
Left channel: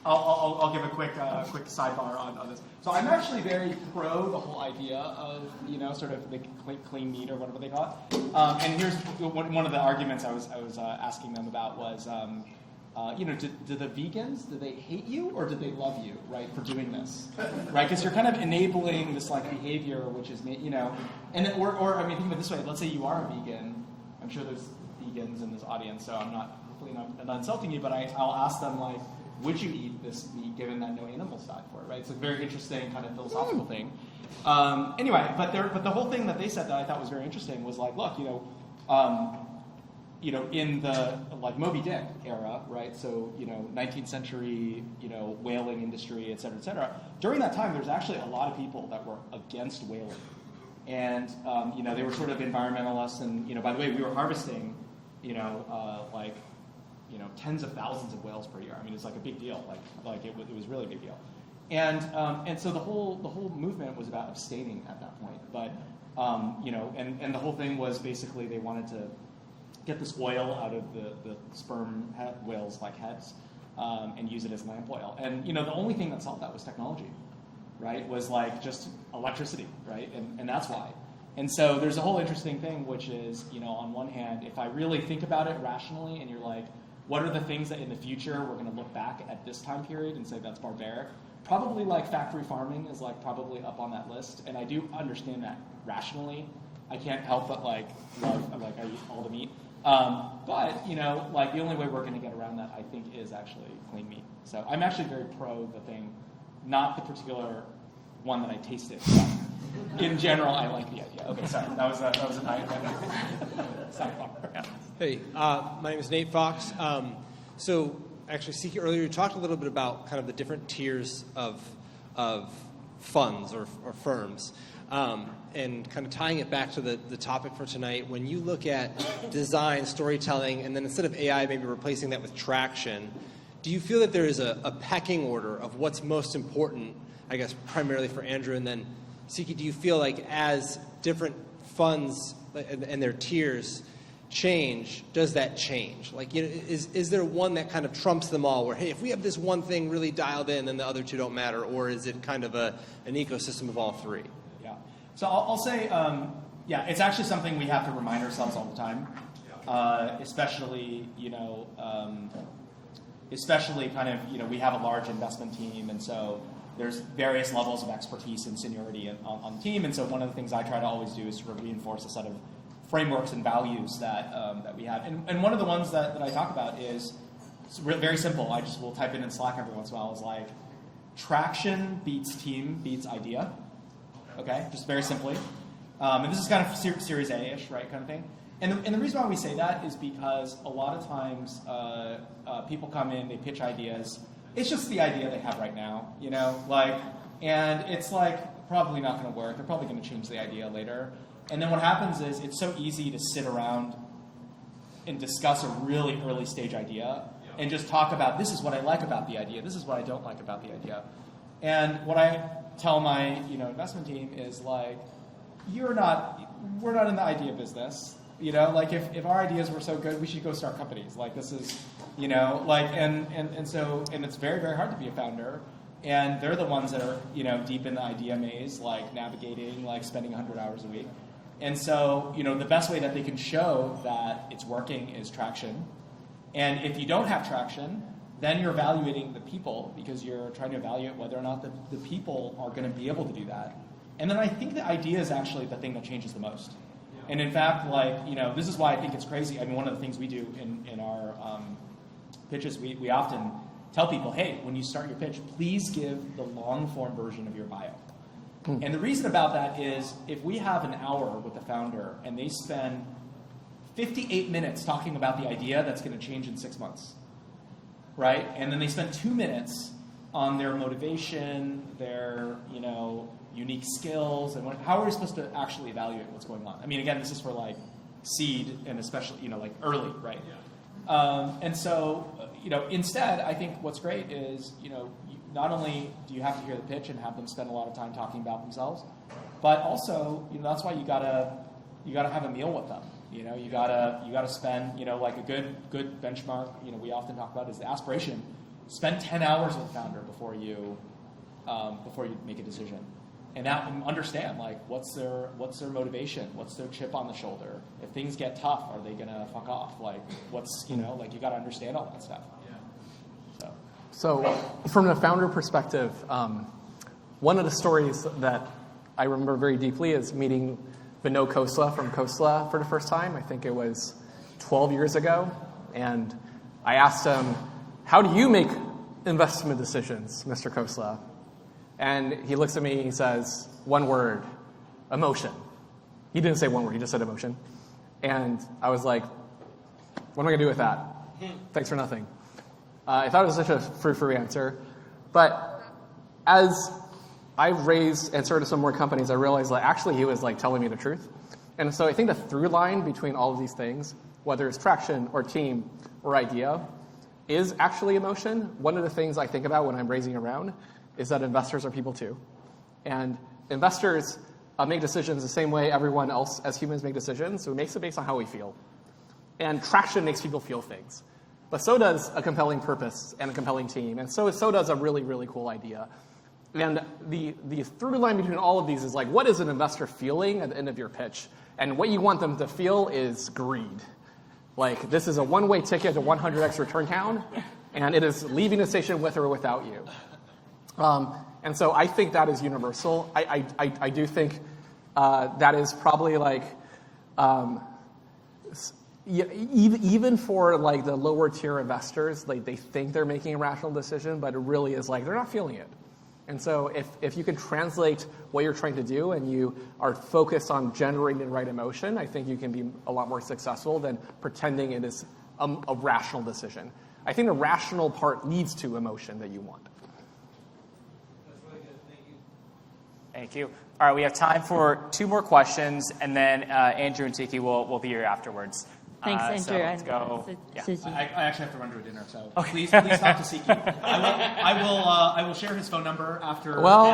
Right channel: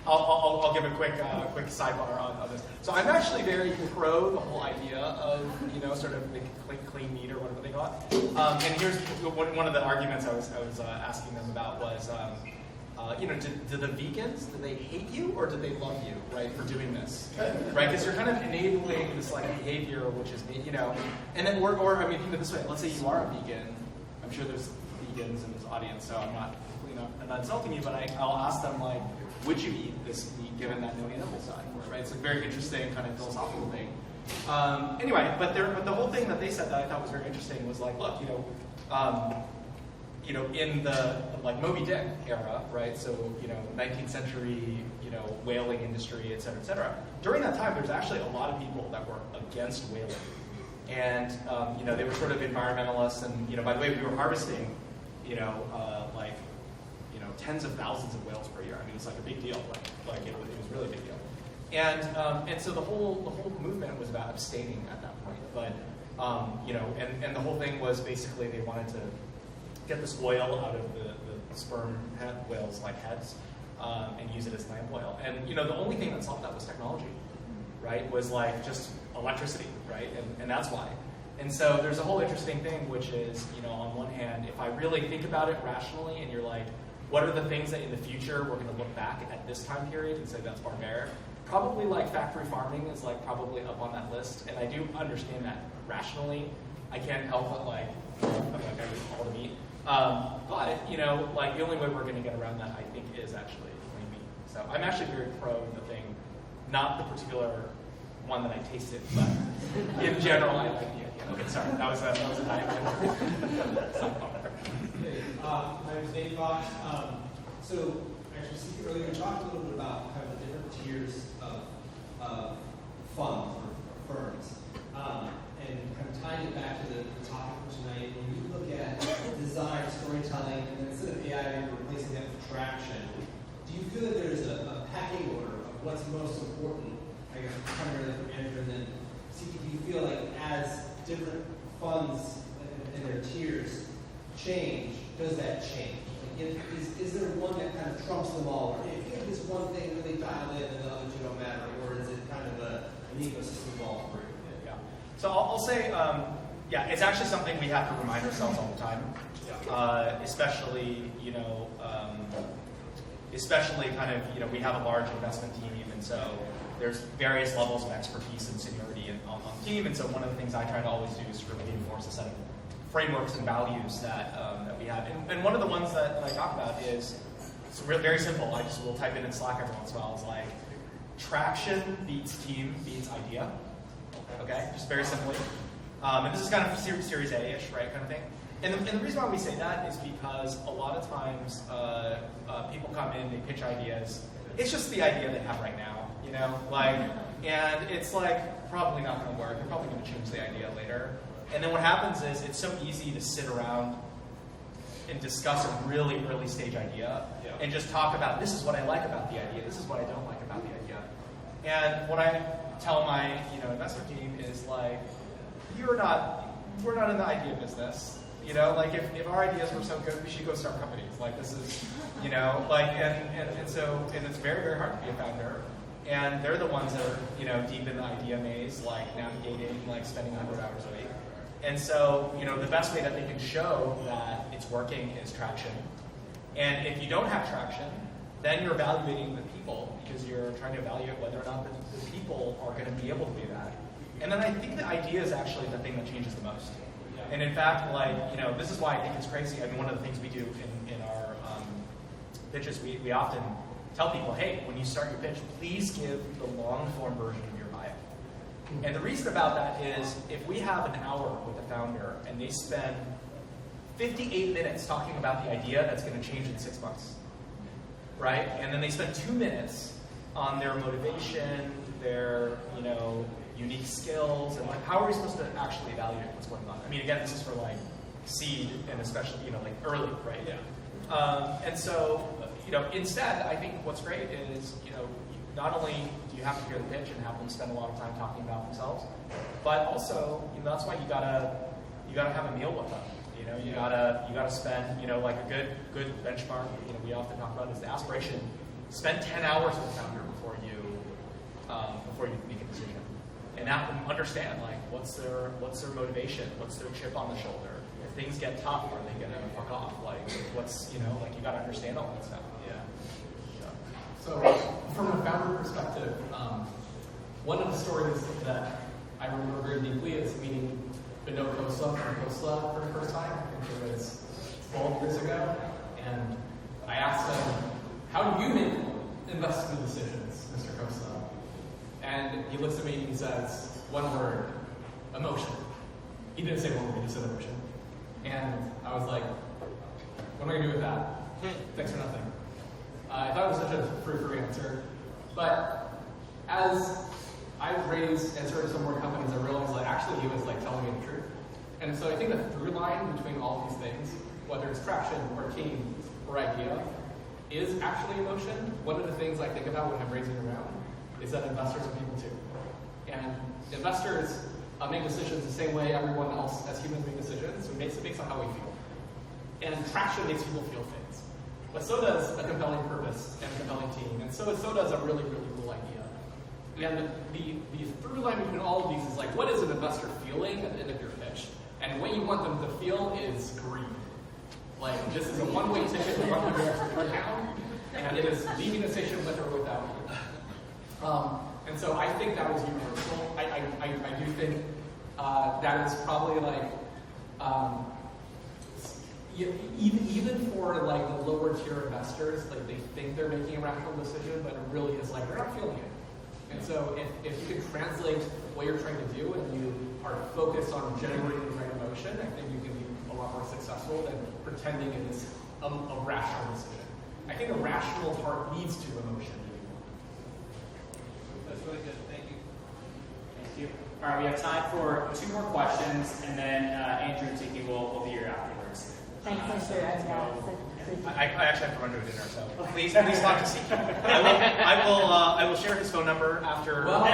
I'll give a quick sidebar on this. So I'm actually very pro the whole idea of sort of the clean meat or whatever they call it. And here's one of the arguments I was asking them about was, do the vegans, do they hate you or do they love you, right, for doing this, right? Because you're kind of enabling this like behavior, which is and then or I mean, think of it this way. Let's say you are a vegan. I'm sure there's vegans in this audience, so I'm not insulting you, but I'll ask them like, would you eat this meat given that no animals died for it, right? It's a very interesting kind of philosophical thing. Anyway, but the whole thing that they said that I thought was very interesting was like, look, in the like Moby Dick era, right? So 19th century, whaling industry, et cetera. During that time, there's actually a lot of people that were against whaling, and they were sort of environmentalists, and by the way, we were harvesting, tens of thousands of whales per year. I mean, it's like a big deal. Like it was really a big deal. And so the whole movement was about abstaining at that point. But and the whole thing was basically they wanted to get this oil out of the sperm whales like heads, and use it as lamp oil. And the only thing that solved that was technology, right? Was like just electricity, right? And that's why. And so there's a whole interesting thing, which is, on one hand, if I really think about it rationally, and you're like, what are the things that in the future we're going to look back at this time period and say that's barbaric? Probably like factory farming is like probably up on that list, and I do understand that rationally. I can't help but like, I'm like I eat all the meat. But like the only way we're going to get around that, I think, is actually clean meat. So I'm actually very pro the thing, not the particular one that I tasted, but in general, I like the idea. Okay, sorry, that was a night. Hey, my name is Nate Fox. So actually, Siqi, earlier you talked a little bit about kind of the different tiers of funds or firms. And kind of tying it back to the topic for tonight, when you look at design, storytelling, and then instead of AI maybe replacing that with traction, do you feel that there is a pecking order of what's most important, I guess primarily for Andrew, and then Siqi, do you feel like as different funds and their tiers change, does that change? Like, is there one that kind of trumps them all, where, hey, if we have this one thing really dialed in, then the other two don't matter, or is it kind of an ecosystem of all three? So I'll say, it's actually something we have to remind ourselves all the time, especially kind of, we have a large investment team, and so there's various levels of expertise and seniority on the team, and so one of the things I try to always do is sort of reinforce a set of frameworks and values that we have. And one of the ones that I talk about is very simple. I just will type it in Slack every once in a while. It's like, traction beats team beats idea. Okay, just very simply. And this is kind of Series A-ish, right, kind of thing. And the reason why we say that is because a lot of times people come in, they pitch ideas. It's just the idea they have right now, and it's like probably not going to work. They're probably going to change the idea later. And then what happens is it's so easy to sit around and discuss a really early stage idea and just talk about, this is what I like about the idea, this is what I don't like about the idea. And what I tell my investment team is like, we're not in the idea business. Like if our ideas were so good, we should go start companies. Like this is, and it's very, very hard to be a founder. And they're the ones that are, deep in the idea maze, like navigating, like spending 100 hours a week. And so, the best way that they can show that it's working is traction. And if you don't have traction, then you're evaluating the people because you're trying to evaluate whether or not the people are going to be able to do that. And then I think the idea is actually the thing that changes the most. And in fact, this is why I think it's crazy. I mean, one of the things we do in our pitches, we often tell people, hey, when you start your pitch, please give the long form version of your bio. And the reason about that is if we have an hour with a founder and they spend 58 minutes talking about the idea that's going to change in 6 months, right? And then they spend 2 minutes on their motivation, their unique skills, and how are we supposed to actually evaluate what's going on? I mean, again, this is for like seed and especially like early, right? Yeah. And so instead, I think what's great is not only do you have to hear the pitch and have them spend a lot of time talking about themselves, but also that's why you gotta have a meal with them. You gotta spend like a good benchmark. We often talk about is the aspiration. Spend 10 hours with the founder before you make a decision, and understand like what's their motivation, what's their chip on the shoulder. If things get tough, are they gonna fuck off? Like what's you gotta understand all that stuff. So from the founder perspective, one of the stories that I remember very deeply is meeting Vinod Khosla from Khosla for the first time. I think it was 12 years ago. And I asked him, how do you make investment decisions, Mr. Khosla? And he looks at me and he says, one word, emotion. He didn't say one word, he just said emotion. And I was like, what am I going to do with that? Thanks for nothing. I thought it was such a frou-frou answer. But as I've raised and started some more companies, I realized that actually he was like telling me the truth. And so I think the through line between all of these things, whether it's traction or team or idea, is actually emotion. One of the things I think about when I'm raising around is that investors are people too. And investors make decisions the same way everyone else as humans make decisions, so it makes it based on how we feel. And traction makes people feel things. but so does a compelling purpose and a compelling team, and so does a really, really cool idea. And the through line between all of these is like, what is an investor feeling at the end of your pitch? And what you want them to feel is greed. Like, this is a one-way ticket to 100x return count, and it is leaving the station with or without you. And so I think that is universal. I do think that is probably like, even for like the lower tier investors, like they think they're making a rational decision, but it really is like they're not feeling it. And so if you can translate what you're trying to do and you are focused on generating the right emotion, I think you can be a lot more successful than pretending it is a rational decision. I think the rational part leads to emotion that you want. That's really good. Thank you. Thank you. All right, we have time for 2 more questions, and then Andrew and Siqi will be here afterwards. Thanks, Andrew. So let's go. Yeah. I actually have to run to a dinner, so please talk to Siqi. I will share his phone number after Well,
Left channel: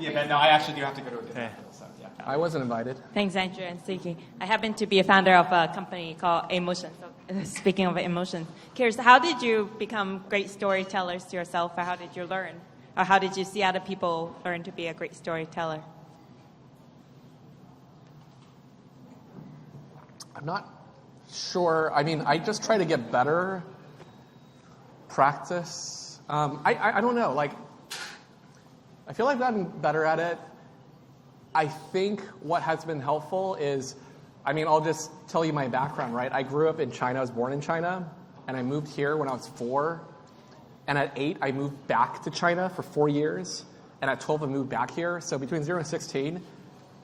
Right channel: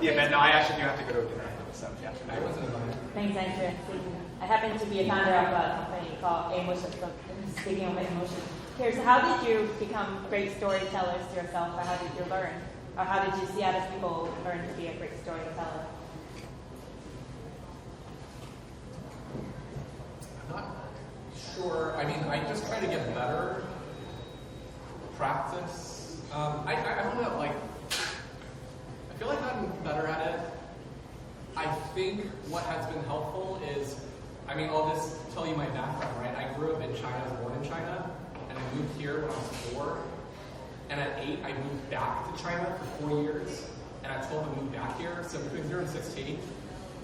the event. No, I actually do have to go to a dinner. So yeah. I wasn't invited. Thanks, Andrew and Siqi. I happen to be a founder of a company called Emotion. Speaking of emotion, curious, how did you become great storytellers yourself, or how did you learn? Or how did you see other people learn to be a great storyteller? I'm not sure. I mean, I just try to get better. Practice. I don't know. Like, I feel like I've gotten better at it. I think what has been helpful is, I mean, I'll just tell you my background, right? I grew up in China. I was born in China, and I moved here when I was 4. And at 8, I moved back to China for 4 years. And at 12, I moved back here. So between 0 and 16,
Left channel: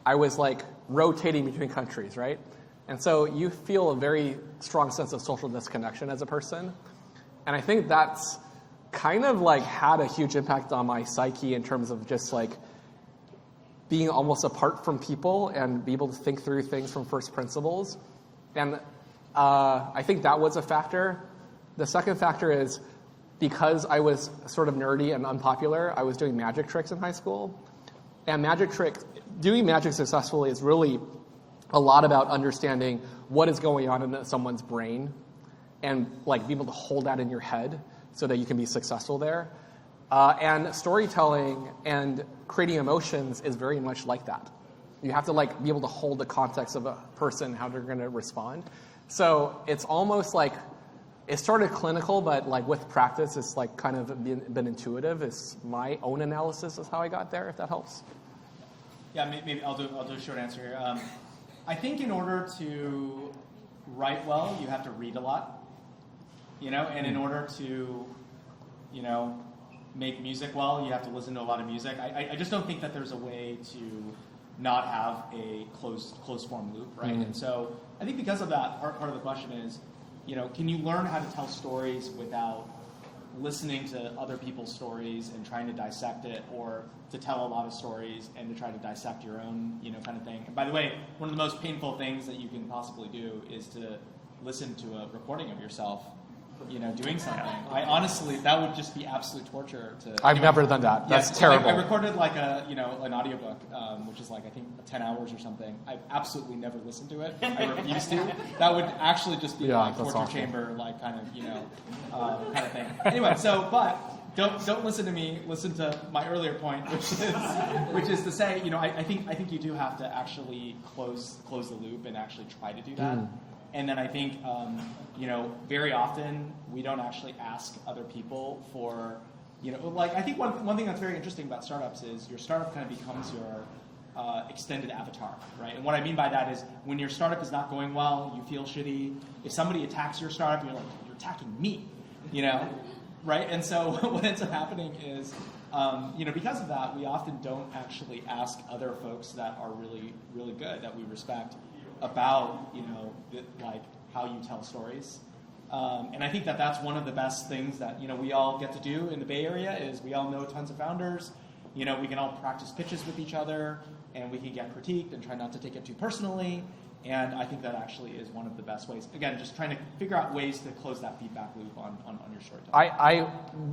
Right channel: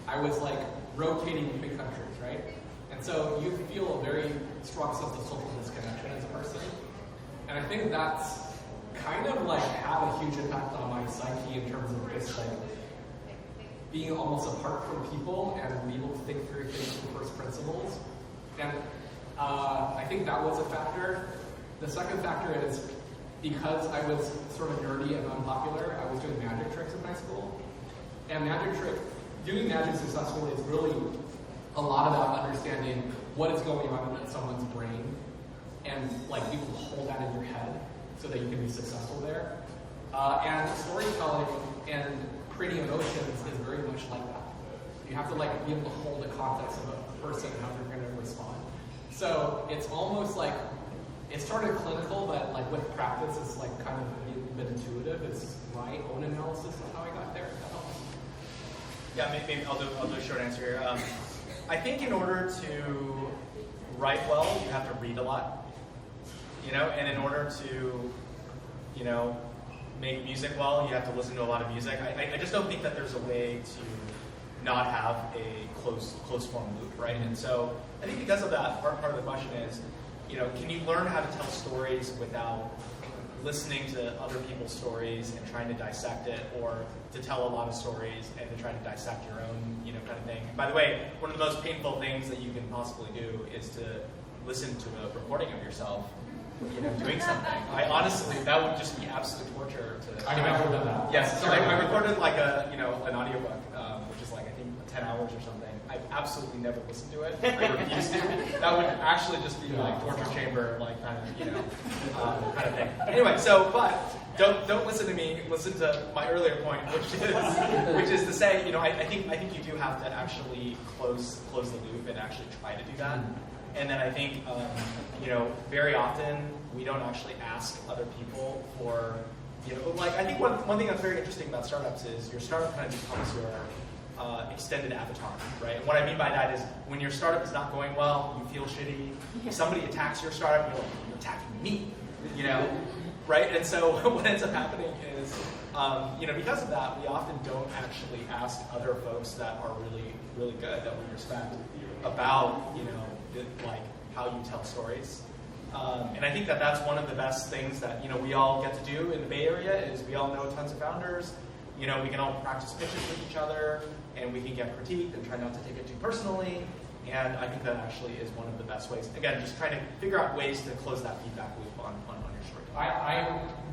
I was like rotating between countries, right? And so you feel a very strong sense of social disconnection as a person. And I think that's kind of like had a huge impact on my psyche in terms of just like being almost apart from people and be able to think through things from first principles. And I think that was a factor. The second factor is because I was sort of nerdy and unpopular, I was doing magic tricks in high school. And doing magic successfully is really a lot about understanding what is going on in someone's brain and like be able to hold that in your head so that you can be successful there. And storytelling and creating emotions is very much like that. You have to like be able to hold the context of a person, how they're going to respond. So it's almost like it started clinical, but like with practice, it's like kind of been intuitive. It's my own analysis is how I got there. If that helps. Yeah, maybe I'll do a short answer here. I think in order to write well, you have to read a lot, and in order to, make music well, you have to listen to a lot of music. I just don't think that there's a way to not have a closed form loop, right? Mm-hmm. And so I think because of that, part of the question is, can you learn how to tell stories without listening to other people's stories and trying to dissect it, or to tell a lot of stories and to try to dissect your own, kind of thing. And by the way, one of the most painful things that you can possibly do is to listen to a recording of yourself, doing something. Honestly, that would just be absolute torture. I've never done that. That's terrible. I recorded like an audiobook, which is like I think 10 hours or something. I absolutely never listened to it. I refuse to. That would actually just be like torture awesome. Chamber, like kind of thing. Anyway, but don't listen to me. Listen to my earlier point, which is to say, I think you do have to actually close the loop and actually try to do that. Mm-hmm. And then I think, very often we don't actually ask other people for, I think one thing that's very interesting about startups is your startup kind of becomes your extended avatar, right? And what I mean by that is when your startup is not going well, you feel shitty. If somebody attacks your startup, you're like, you're attacking me, right? And so what ends up happening is, because of that, we often don't actually ask other folks that are really, really good, that we respect, about, like how you tell stories. And I think that that's one of the best things that, we all get to do in the Bay Area is we all know tons of founders. We can all practice pitches with each other, and we can get critiqued and try not to take it too personally. And I think that actually is one of the best ways. Again, just trying to figure out ways to close that feedback loop on your story.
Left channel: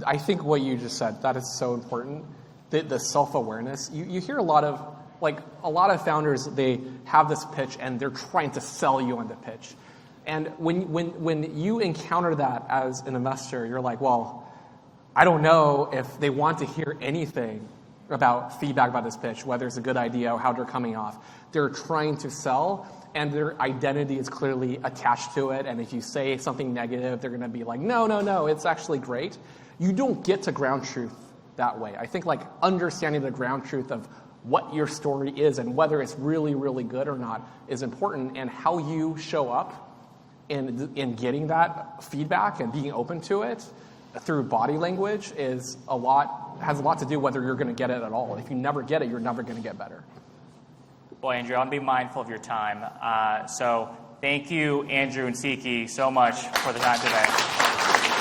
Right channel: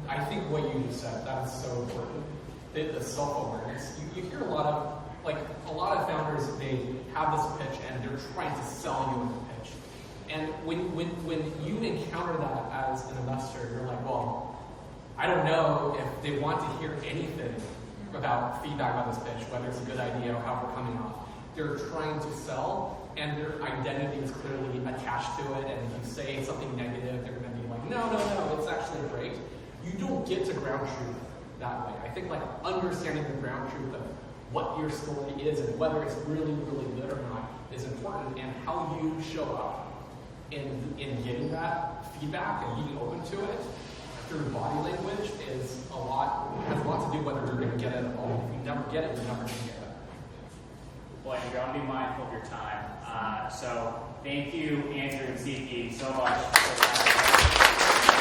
I think what you just said, that is so important. The self-awareness. You hear a lot of founders, they have this pitch and they're trying to sell you on the pitch. And when you encounter that as an investor, you're like, well, I don't know if they want to hear anything about feedback about this pitch, whether it's a good idea or how they're coming off. They're trying to sell, and their identity is clearly attached to it. And if you say something negative, they're going to be like, no, it's actually great. You don't get to ground truth that way. I think like understanding the ground truth of what your story is and whether it's really, really good or not is important, and how you show up in getting that feedback and being open to it through body language has a lot to do whether you're going to get it at all. If you never get it, you're never going to get better. Well, Andrew, I'll be mindful of your time. So thank you, Andrew and Siqi, so much for the time today.